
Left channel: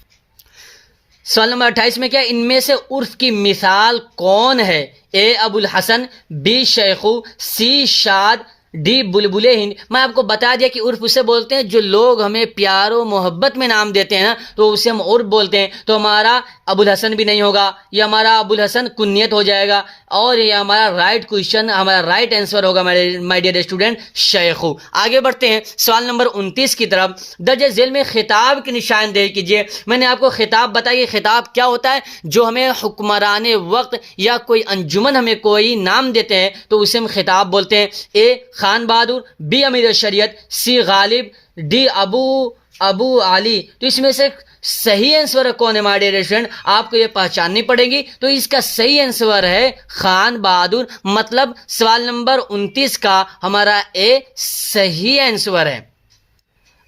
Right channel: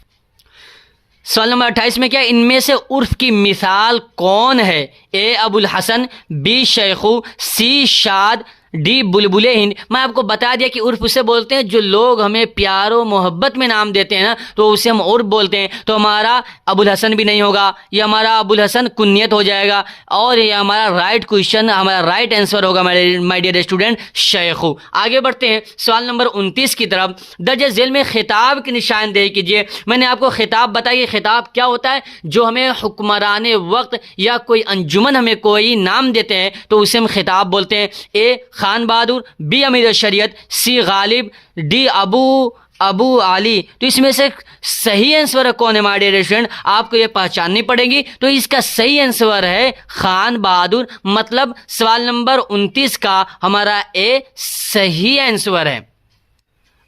सवाल नंबर 28 में क्या, इनमें से उर्फ की मिसाल कौन है? ए अबुल हसन, बी शेखू, सी शाद, डी बुलबुले हिंद। मैं आपको बता दिया कि उर्फ उसे बोलते हैं जो लोग हमें प्यारो मोहब्बत में नाम देते हैं तो उसे हम उर्फ बोलते हैं। तो हमारा अबुल हसन भी नहीं होगा, ये हमारा अबुल हसन कुन्नियत हो जाएगा, और ये हमारा राइट क्वेश्चन, हमारा राइट आंसर होगा माय डियर स्टूडेंट, शेखू। आगे बढ़ते हैं सवाल नंबर 29 की तरफ। दर्ज झेल में खिताब की निशानदेही कीजिए। मैंने आपको खिताब बताया, खिताब क्या होता है? जो हमें हुक्मरान वक्त या कोई अंजुमन हमें कोई नाम देते हैं तो उसे हम खिताब बोलते हैं। ए खान बहादुर, बी अमीर शरीयत, सी गालिब, डी अबू आली। तो इसमें से सही आंसर कौन है माय डियर स्टूडेंट? आपको ये पहचाननी पड़ेगी। तो इसका सही आंसर है खान बहादुर। मतलब सवाल नंबर 29 का हमारा ए सही आंसर है।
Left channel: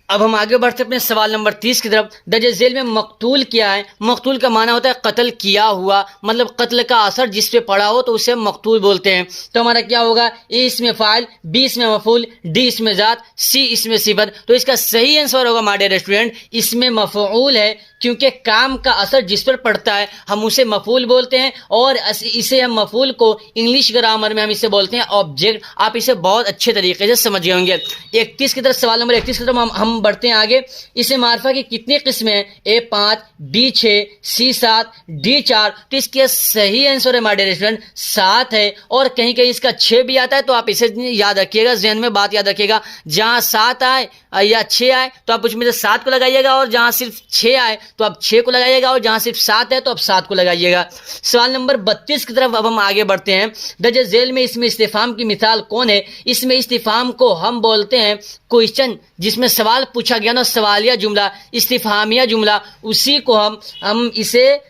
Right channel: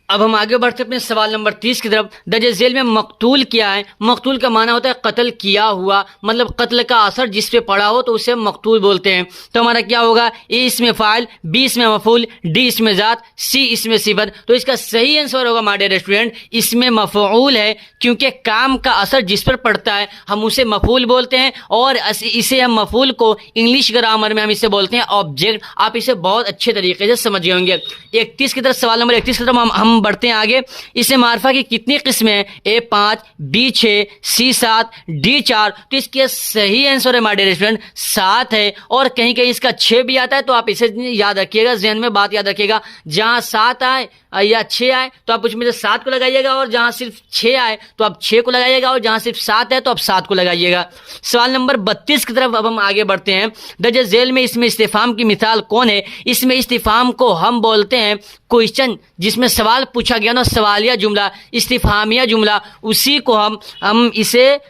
अब हम आगे बढ़ते अपने सवाल नंबर 30 की तरफ। दर्ज झेल में मकतूल क्या है? मकतूल का माना होता है कत्ल किया हुआ, मतलब कत्ल का असर जिस पे पड़ा हो तो उसे मकतूल बोलते हैं। तो हमारा क्या होगा? ए इसमें फाइल, बी इसमें मफूल, डी इसमें जात, सी इसमें सिफत। तो इसका सही आंसर होगा माय डियर स्टूडेंट, इसमें मफऊल है, क्योंकि काम का असर जिस पर पड़ता है हम उसे मफूल बोलते हैं, और इसे हम मफूल को इंग्लिश ग्रामर में हम इसे बोलते हैं ऑब्जेक्ट। आप इसे बहुत अच्छे तरीके से समझ गए होंगे। 31 की तरफ, सवाल नंबर 31 की तरफ हम बढ़ते हैं आगे। इसे मार्फा की कितनी किस्में हैं? ए 5, बी 6, सी 7, डी 4। तो इसके सही आंसर है माय डियर स्टूडेंट 7 है, और कहीं कहीं इसका 6 भी आता है। तो आप इसे याद रखिएगा, ज़हन में बात याद रखिएगा, जहां 7 आए या 6 आए तो आप उसमें से 7 को लगाइएगा, और जहां सिर्फ 6 आए तो आप 6 को लगाइएगा, और जहां सिर्फ 7 है तो आप 7 को लगाइएगा। सवाल नंबर 32 की तरफ अब हम आगे बढ़ते हैं। दर्ज झेल में इसमें इस्तिफाम की मिसाल कौन है? इसमें इस्तिफाम को हम बोलते हैं क्वेश्चन, जिसमें सवाल पूछा गया ना, सवालिया जुमला, इस्तिफामिया जुमला, उसी को हम इसे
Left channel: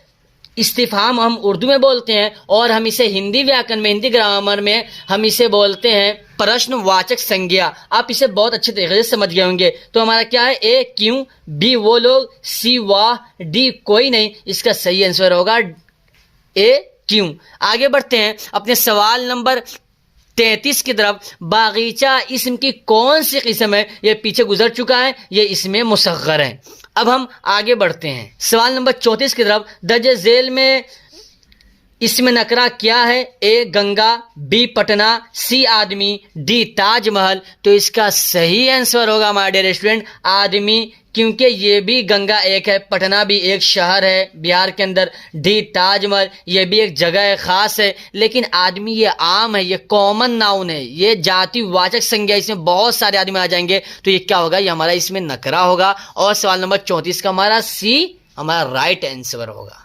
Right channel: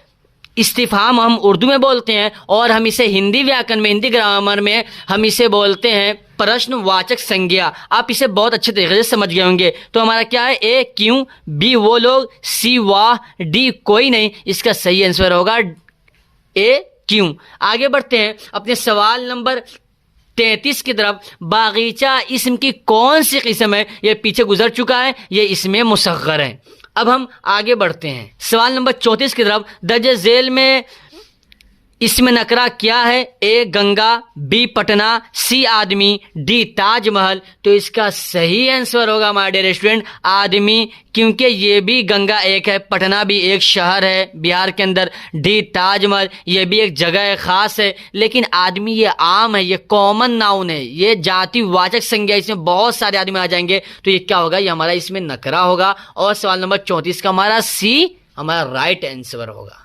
इस्तिफाम हम उर्दू में बोलते हैं, और हम इसे हिंदी व्याकरण में, हिंदी ग्रामर में हम इसे बोलते हैं प्रश्नवाचक संज्ञा। आप इसे बहुत अच्छे तरीके से समझ गए होंगे। तो हमारा क्या है? ए क्यों, बी वो लोग, सी वाह, डी कोई नहीं। इसका सही आंसर होगा ए क्यों। आगे बढ़ते हैं अपने सवाल नंबर 33 की तरफ। बागीचा इस्म की कौन सी किस्म है? ये पीछे गुजर चुका है, ये इसमें मुसग्गर है। अब हम आगे बढ़ते हैं सवाल नंबर 34 की तरफ। दर्ज झेल में इसमें नकरा क्या है? ए गंगा, बी पटना, सी आदमी, डी ताजमहल। तो इसका सही आंसर होगा माय डियर स्टूडेंट आदमी, क्योंकि ये भी गंगा एक है, पटना भी एक शहर है बिहार के अंदर, डी ताजमहल ये भी एक जगह खास है। लेकिन आदमी ये आम है, ये कॉमन नाउन है, ये जाति वाचक संज्ञा, इसमें बहुत सारे आदमी आ जाएंगे। तो ये क्या होगा? ये हमारा इसमें नकरा होगा, और सवाल नंबर 34 का हमारा सी हमारा राइट आंसर होगा।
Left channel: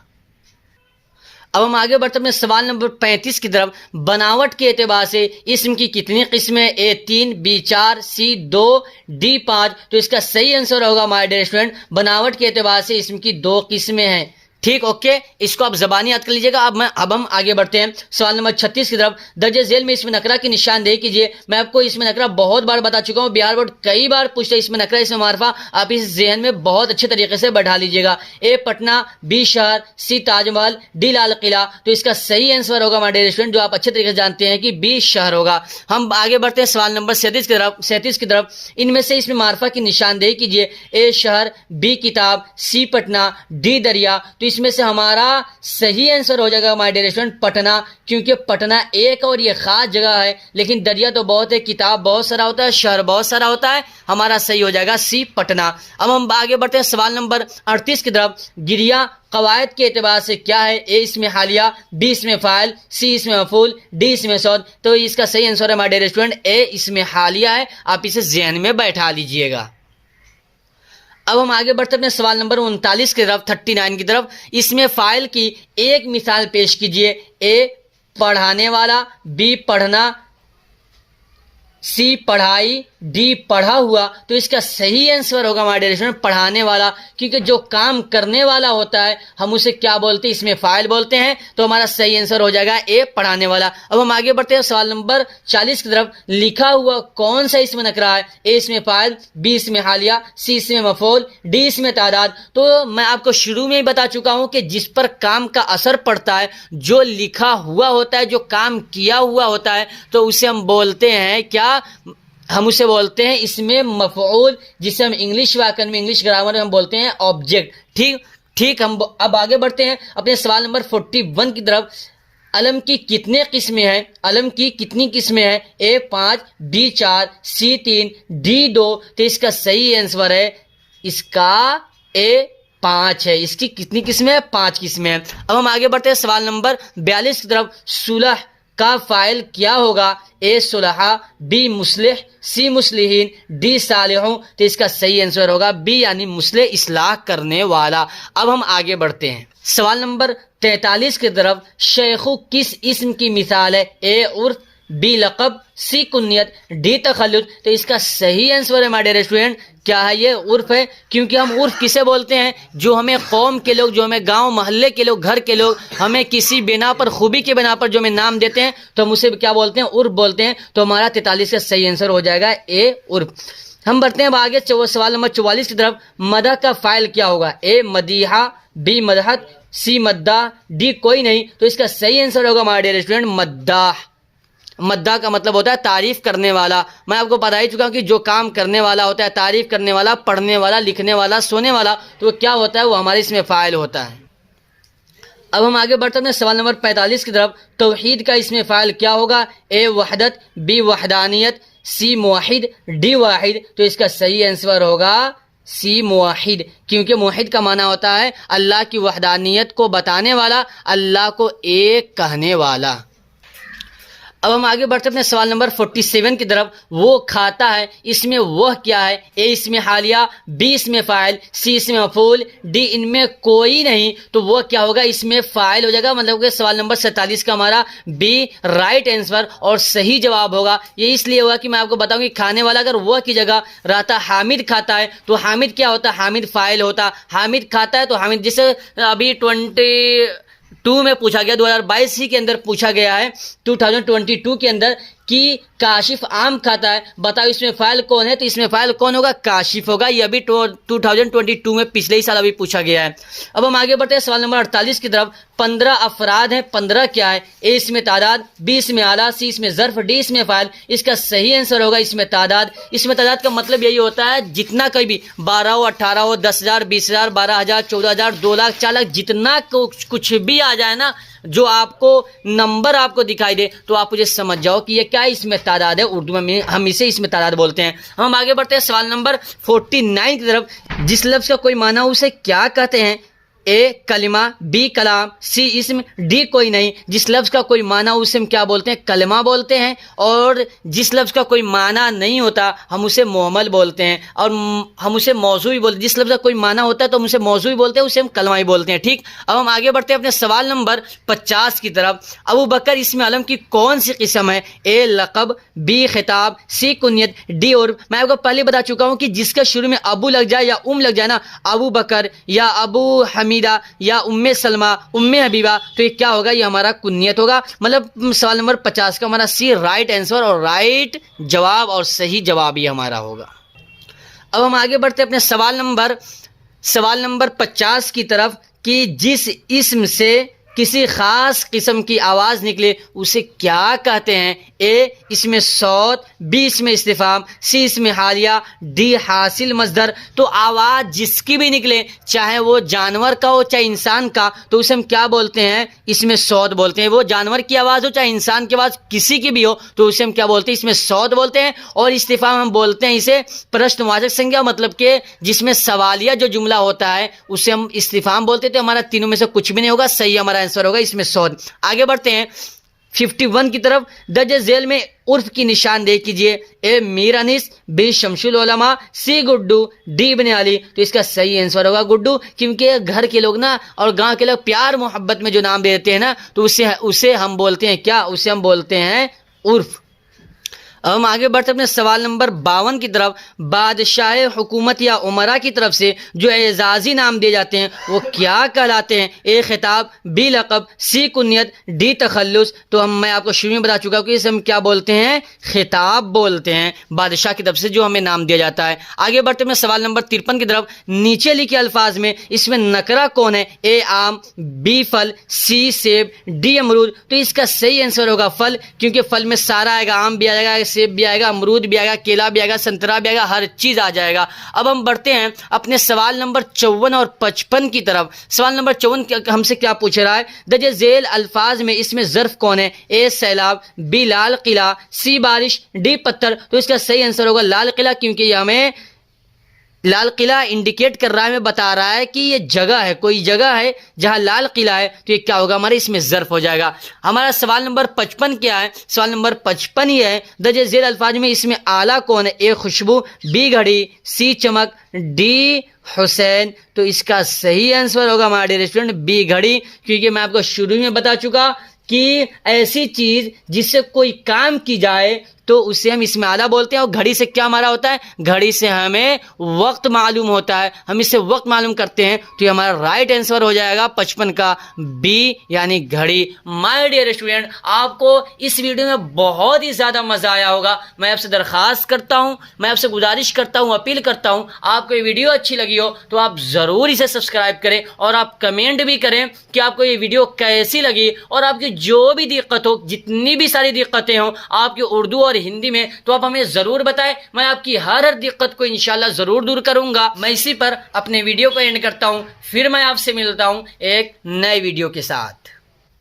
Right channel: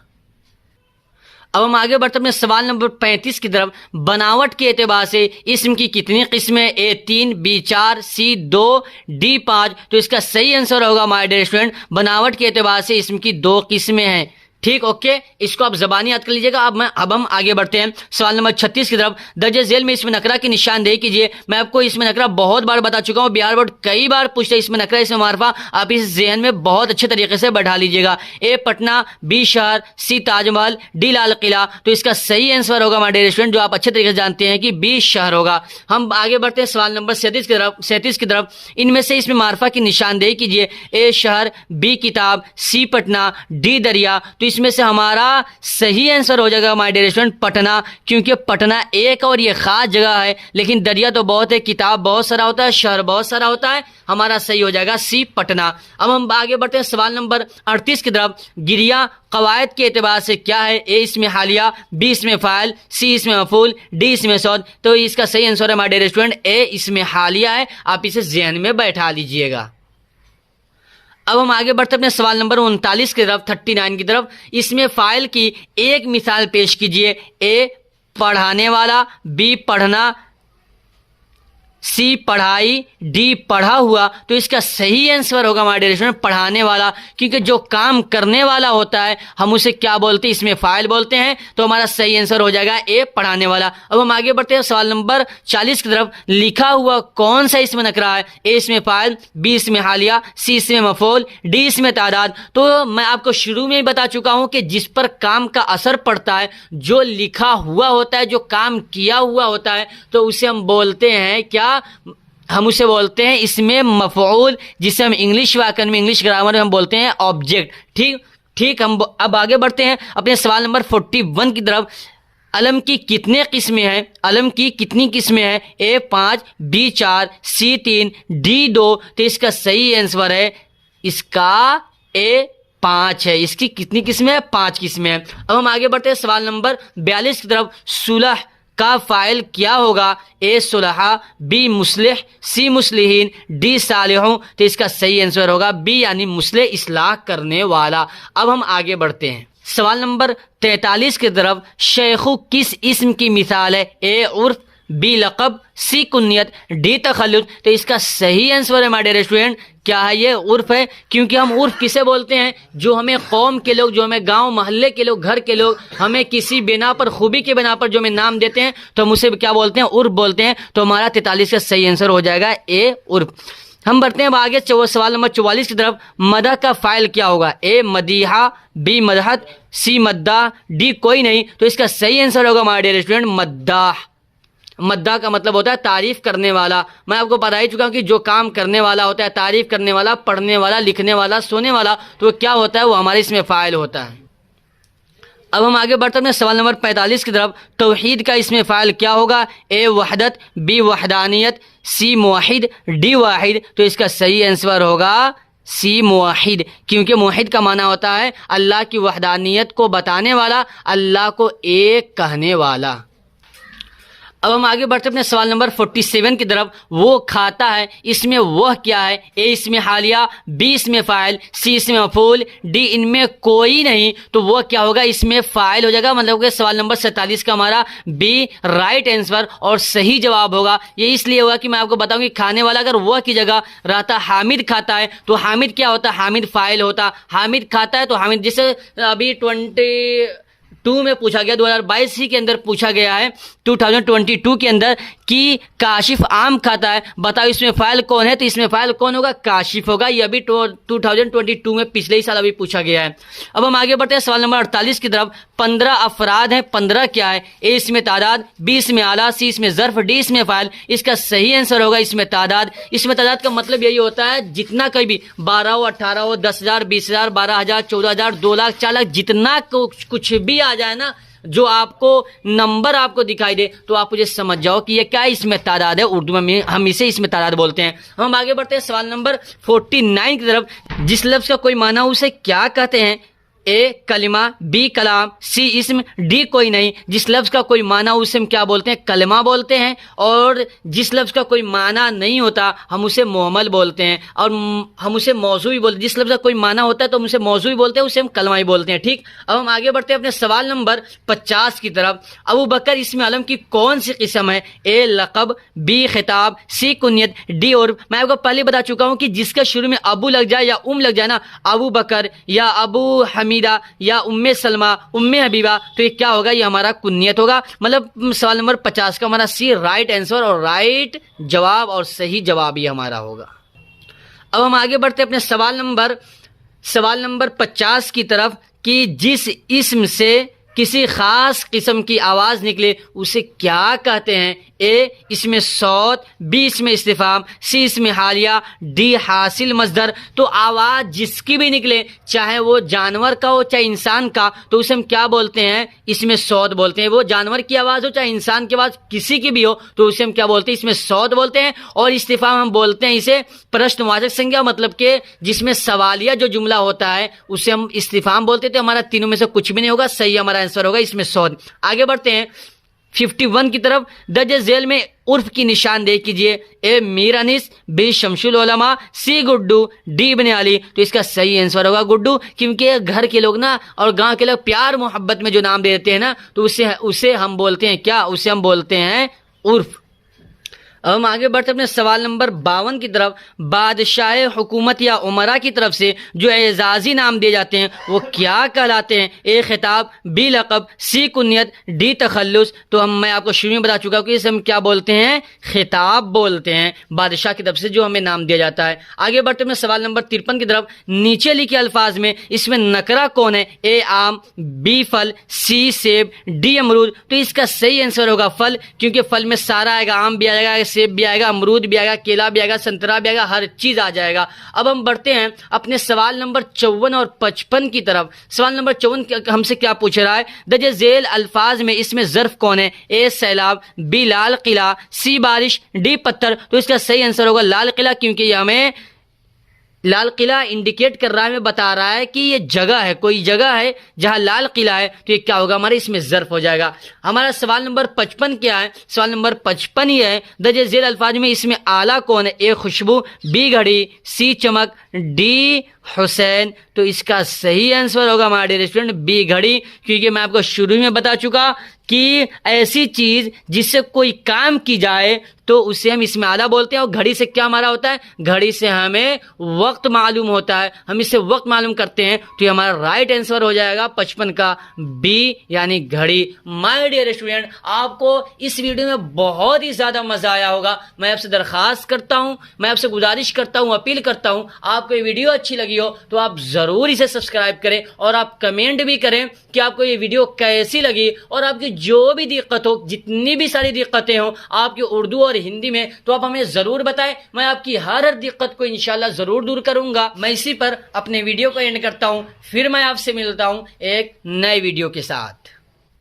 अब हम आगे बढ़ते अपने सवाल नंबर 35 की तरफ। बनावट के एतबार से इस्म की कितनी किस्में? ए 3, बी 4, सी 2, डी 5। तो इसका सही आंसर होगा माय डियर स्टूडेंट, बनावट के एतबार से इस्म की 2 किस्में हैं। ठीक, ओके, इसको आप जबानी याद कर लीजिएगा। अब हम आगे बढ़ते हैं सवाल नंबर 36 की तरफ। दर्ज झेल में इसमें नकरा की निशानदेही कीजिए। मैं आपको इसमें नकरा बहुत बार बता चुका हूं, बिहार बोर्ड कई बार पूछते हैं इसमें नकरा, इसमें मार्फा। आप इस ज़हन में बहुत अच्छे तरीके से बैठा लीजिएगा। ए पटना, बी शहर, सी ताजमहल, डी लाल किला। तो इसका सही आंसर होगा माय डियर स्टूडेंट, जो आप अच्छे तरीके से जानते हैं कि बी शहर होगा। हम आगे बढ़ते हैं सवाल नंबर 37 की तरफ। इनमें से इसमें मार्फा की निशानदेही कीजिए। ए शहर, बी किताब, सी पटना, डी दरिया। तो इसमें से हमारा सही आंसर हो जाएगा माय डियर स्टूडेंट पटना, क्योंकि पटना एक और ये खास जगह है, लेकिन दरिया तो बहुत है, किताब बहुत सारा होता है, शहर बहुत सारा होता है। हमारा सही हो जाएगा सी पटना। अब हम आगे बढ़ते हैं सवाल नंबर 38 की तरफ। गिरिया कवायद के एतबार से क्या है? ए इसमें हालिया, बी इसमें फाइल, सी इसमें मफूल, डी इसमें सौद। तो इसका सही आंसर है माय डियर स्टूडेंट ए इसमें हालिया है। आप इसे ज़हन में बैठा लीजिएगा। अब हम आगे बढ़ते अपने सवाल नंबर 39 की तरफ, 39 की तरफ। इसमें फाइल की एक मिसाल पेश कीजिए। ए पढ़ाने वाला, बी पढ़ना, सी पढ़ाई, डी पढ़ा हुआ, तो इसका सही आंसर होगा हमारे डियर स्टूडेंट पढ़ाने वाला, क्योंकि जो काम करने वाला होता है हम उसे क्या बोलते हैं, इसमें फाइल बोलते हैं। तो हमारा सही आंसर हो जाएगा ए पढ़ाने वाला। अब हम आगे बढ़ते हैं सवाल नंबर 40 की तरफ। लिखा हुआ कौन सा इसमें नकरा है? ए इसमें फाइल, बी इसमें हालिया, सी इसमें मफूल, डी इसमें तादाद। तो मैं आपको शुरू में ही बता चुका हूं कि जिस पर काम का असर पड़ता है, जो लिखा हुआ होता है, जो काम किया हुआ होता है, तो उसे हम बोलते हैं क्या? हम उसे बोलते हैं इसमें मफऊल, जिसे हम इंग्लिश व्याकरण में, इंग्लिश ग्रामर में हम बोलते हैं ऑब्जेक्ट। ठीक हम अब आगे बढ़ते हैं अपने सवाल नंबर 41 की तरफ। अलम की कितने किस्में हैं? अलम की कितनी किस्में हैं? ए 5, बी 4, सी 3, डी 2। तो इसका सही आंसर है इसका ए 5 है। इसकी कितनी किस्में हैं? 5 किस्में हैं। अब हम आगे बढ़ते हैं सवाल नंबर 42 की तरफ। सुलह का फाइल क्या होगा? ए सुलहा, बी मुस्लिह, सी मुस्लिहीन, डी सालिहों। तो इसका सही आंसर होगा बी, यानी मुस्लिह, इस्लाह करने वाला। अब हम आगे बढ़ते हैं सवाल नंबर 43 की तरफ। शेखु किस इस्म की मिसाल है? ए उर्फ, बी लक़ब, सी कुन्नियत, डी तखल्लुद। तो इसका सही आंसर है हमारे रेस्टोरेंट क्या है? ये उर्फ है, क्योंकि हम उर्फ किसे बोलते हैं? जो हमें कौम के लोग, जो हमें गांव मोहल्ले के लोग, घर के लोग हमें किसी बिना पर, खूबी के बिना पर जो हमें नाम देते हैं, तो हम उसे क्या बोलते हैं? उर्फ बोलते हैं। तो हमारा 43 का सही आंसर हो जाएगा ए उर्फ। हम बढ़ते हैं आगे सवाल नंबर 44 की तरफ। मदह का फाइल क्या होगा? ए मदीहा, बी मदहत, सी मद्दा, डी कोई नहीं। तो इसका सही आंसर होगा हमारे रेस्टोरेंट मद्दाह। मद्दा का मतलब होता है तारीफ करने वाला। मैं आपको बता ही चुका हूं कि जो काम करने वाला होता है, तारीफ करने वाला, पढ़ने वाला, लिखने वाला, सोने वाला, तो क्या होता है? वो हमारे इसमें फाइल होता है। अब हम आगे बढ़ते हैं सवाल नंबर 45 की तरफ। तौहीद का इसमें फाइल क्या होगा? ए वहदत, बी वहदानियत, सी मुवाहिद, डी वाहिद। तो इसका सही आंसर होगा सी मुवाहिद, क्योंकि मुवाहिद का माना होता है अल्लाह की वहदानियत को बताने वाला, अल्लाह को एक कहने वाला। अब हम आगे बढ़ते अपने सवाल नंबर 47 की तरफ। वो खाता है, इसमें वह क्या है? ए इसमें हालिया, बी इसमें फाइल, सी इसमें मफूल, डी इनमें कोई नहीं। तो वो क्या होगा? इसमें फाइल हो जाएगा। मतलब कि सवाल नंबर 47 का हमारा बी राइट आंसर और सही जवाब होगा। ये इसलिए होगा कि मैं आपको बताऊं कि खाने वाला अगर वह की जगह रहता हामिद खाता है, तो हामिद क्या होता? हामिद फाइल होता। हामिद खाता है तो हामिद, जैसे अभी 22 में पूछा गया, 2022 ही के अंदर पूछा गया है 2022 के अंदर कि काशिफ आम खाता है, बताओ इसमें फाइल कौन है? तो इसमें फाइल कौन होगा? काशिफ होगा। ये अभी 2022 में पिछले ही साल अभी पूछा गया है। अब हम आगे बढ़ते हैं सवाल नंबर 48 की तरफ। 15 अफराद हैं, 15 क्या है? ए इसमें तादाद, बी इसमें आला, सी इसमें ज़र्फ, डी इसमें फाइल। इसका सही आंसर होगा इसमें तादाद। इसमें तादाद का मतलब यही होता है जितना कोई भी 12 हो, 18 हो, 10,000, 20,000, 12,000, 14,000, 2 लाख, 4 लाख, जितना कुछ भी आ जाए ना, जो आपको नंबर आपको दिखाई दे, तो आप मुझे समझ जाओ कि ये क्या इसमें तादाद है। उर्दू में हम इसे इसमें तादाद बोलते हैं। हम आगे बढ़ते हैं सवाल नंबर 49 की तरफ। जिस लफ्ज का कोई माना उसे क्या कहते हैं? ए कलिमा, बी कलाम, सी इस्म, डी कोई नहीं। जिस लफ्ज का कोई माना उसे हम क्या बोलते हैं? कलिमा बोलते हैं। और जिस लफ्ज का कोई माना नहीं होता हम उसे मुअम्मल बोलते हैं, और हम उसे मौजू भी बोलते हैं। जिस लफ्ज का कोई माना होता है तो हम उसे मौजू भी बोलते हैं, उसे हम कलमा ही बोलते हैं। ठीक, अब हम आगे बढ़ते हैं अपने सवाल नंबर 50 की तरफ। अबू बकर इसमें अलम की कौन सी किस्म है? ए लक़ब, बी खिताब, सी कुनियत, डी उर्फ। मैं आपको पहले बता चुका हूं कि जिसका शुरू में अबू लग जाए या लग जाए ना, अबू बकर या अबू हमीदा या उम्मे सलमा, उम्मे हबीबा, तो ये क्या होगा? ये हमारा कुन्नियत होगा। मतलब सवाल नंबर 50 का हमारा सी राइट आंसर और राइट जवाब और सही जवाब ही हमारा होगा। अब हम आगे बढ़ते हैं अपने सवाल नंबर 50 की तरफ कि जिस इस्म से किसी खास किस्म की आवाज निकले उसे क्या कहते हैं? ए इसमें सौत, बी इसमें इस्तिफाम, सी इसमें हालिया, डी हासिल मजदर। तो आवाज जिसकी भी निकले, चाहे वो जानवर का हो चाहे इंसान का, तो उसे हम क्या बोलते हैं? इसमें सौत बोलते हैं। वो जानवर की आवाज हो चाहे इंसान की आवाज, किसी की भी हो, तो उसे हम क्या बोलते हैं? इसमें सौत बोलते हैं। और इस्तिफाम हम बोलते हैं इसे प्रश्नवाचक संज्ञा, मतलब के जिसमें सवालिया जो जुमला होता है उसे हम इस्तिफाम बोलते थे। हमारा तीनों में से कुछ भी नहीं होगा, सही हमारा आंसर होगा इसमें सौद। आगे बढ़ते हैं 51 की तरफ। दर्ज झेल में उर्फ की निशानदेही कीजिए। ए मीर अनीस, बी शमशुल उलमा, सी गुड्डू, डी इब्ने अली। तो इसका सही आंसर होगा गुड्डू, क्योंकि घर के लोग ना और गांव के लोग प्यार मोहब्बत में जो नाम देते हैं ना, तो उसे हम बोलते हैं क्या? उसे हम बोलते हैं उर्फ। अब हम आगे बढ़ते अपने सवाल नंबर 52 की तरफ। बादशाह हुकूमत या उमरा की तरफ से जो एजाजी नाम दिए जाते हैं वो क्या कहलाते हैं? ए खिताब, बी लक़ब, सी कुन्यत, डी तखल्लुस। तो मैं आपको शुरू में बता चुका हूँ कि इसे हम क्या बोलते हैं? खिताब बोलते हैं, बादशाह की तरफ से जो हमें नाम दिया जाता है। आगे बढ़ते हैं सवाल नंबर 53 की तरफ। नीचे लिखे अल्फाज में इसमें नकरा कौन है? ए आम, बी फल, सी सेब, डी अमरूद। तो इसका सही आंसर होगा फल, क्योंकि फल में सारा आएगा, आम भी आएगा, सेब भी आएगा, अमरूद भी आएगा, केला भी आएगा, संतरा भी आएगा, हर चीज आ जाएगा। अब हम बढ़ते हैं अपने सवाल नंबर 54 और 55 की तरफ। सवाल नंबर 54 हमसे क्या पूछ रहा है? दर्जे झेल अल्फाज में इसमें ज़र्फ कौन है? ए सैलाब, बी लाल किला, सी बारिश, डी पत्थर। तो इसका सही आंसर होगा लाल किला, क्योंकि ये हमें लाल किला इंडिकेट कर रहा है, हमें बता रहा है कि ये जगह है, कोई जगह है जहां लाल किला है। तो ये क्या होगा हमारे? इसमें ज़र्फ हो जाएगा। हमारा सवाल नंबर 55 क्या है? सवाल नंबर 55 ये है, दर्जे झेल अल्फाज में इसमें आला कौन है? ए खुशबू, बी घड़ी, सी चमक, डी हुसैन। तो इसका सही आंसर होगा हमारा डियर स्टूडेंट बी घड़ी, क्योंकि मैं आपको शुरू में बता चुका कि ऐसी चीज जिससे कोई काम की जाए तो उसे हम इसमें आला बोलते हैं। और घड़ी से क्या हमारा होता है? घड़ी से हमें वक्त मालूम होता है, हम इससे वक्त मालूम करते हैं। तो ये हमारा राइट आंसर हो जाएगा 55 का बी, यानी घड़ी। माय डियर स्टूडेंट, आपको इस वीडियो में बहुत ही ज्यादा मजा आया होगा। मैं आपसे दरखास्त करता हूं, मैं आपसे गुजारिश करता हूं, अपील करता हूं, आपको ये वीडियो अच्छी लगी हो तो आप जरूर इसे सब्सक्राइब करें और आप कमेंट भी करें कि आपको ये वीडियो कैसी लगी। और आपकी जो भी दिक्कत हो, जितनी भी सारी दिक्कतें हो आपकी उर्दू और हिंदी में, तो आप हमें जरूर बताएं। मैं आपकी हर दिक्कत को इंशाल्लाह जरूर दूर करूंगा। मैं इसी पर अपने वीडियो को एंड करता हूं, फिर मैं आपसे मिलता हूं एक नए वीडियो के साथ।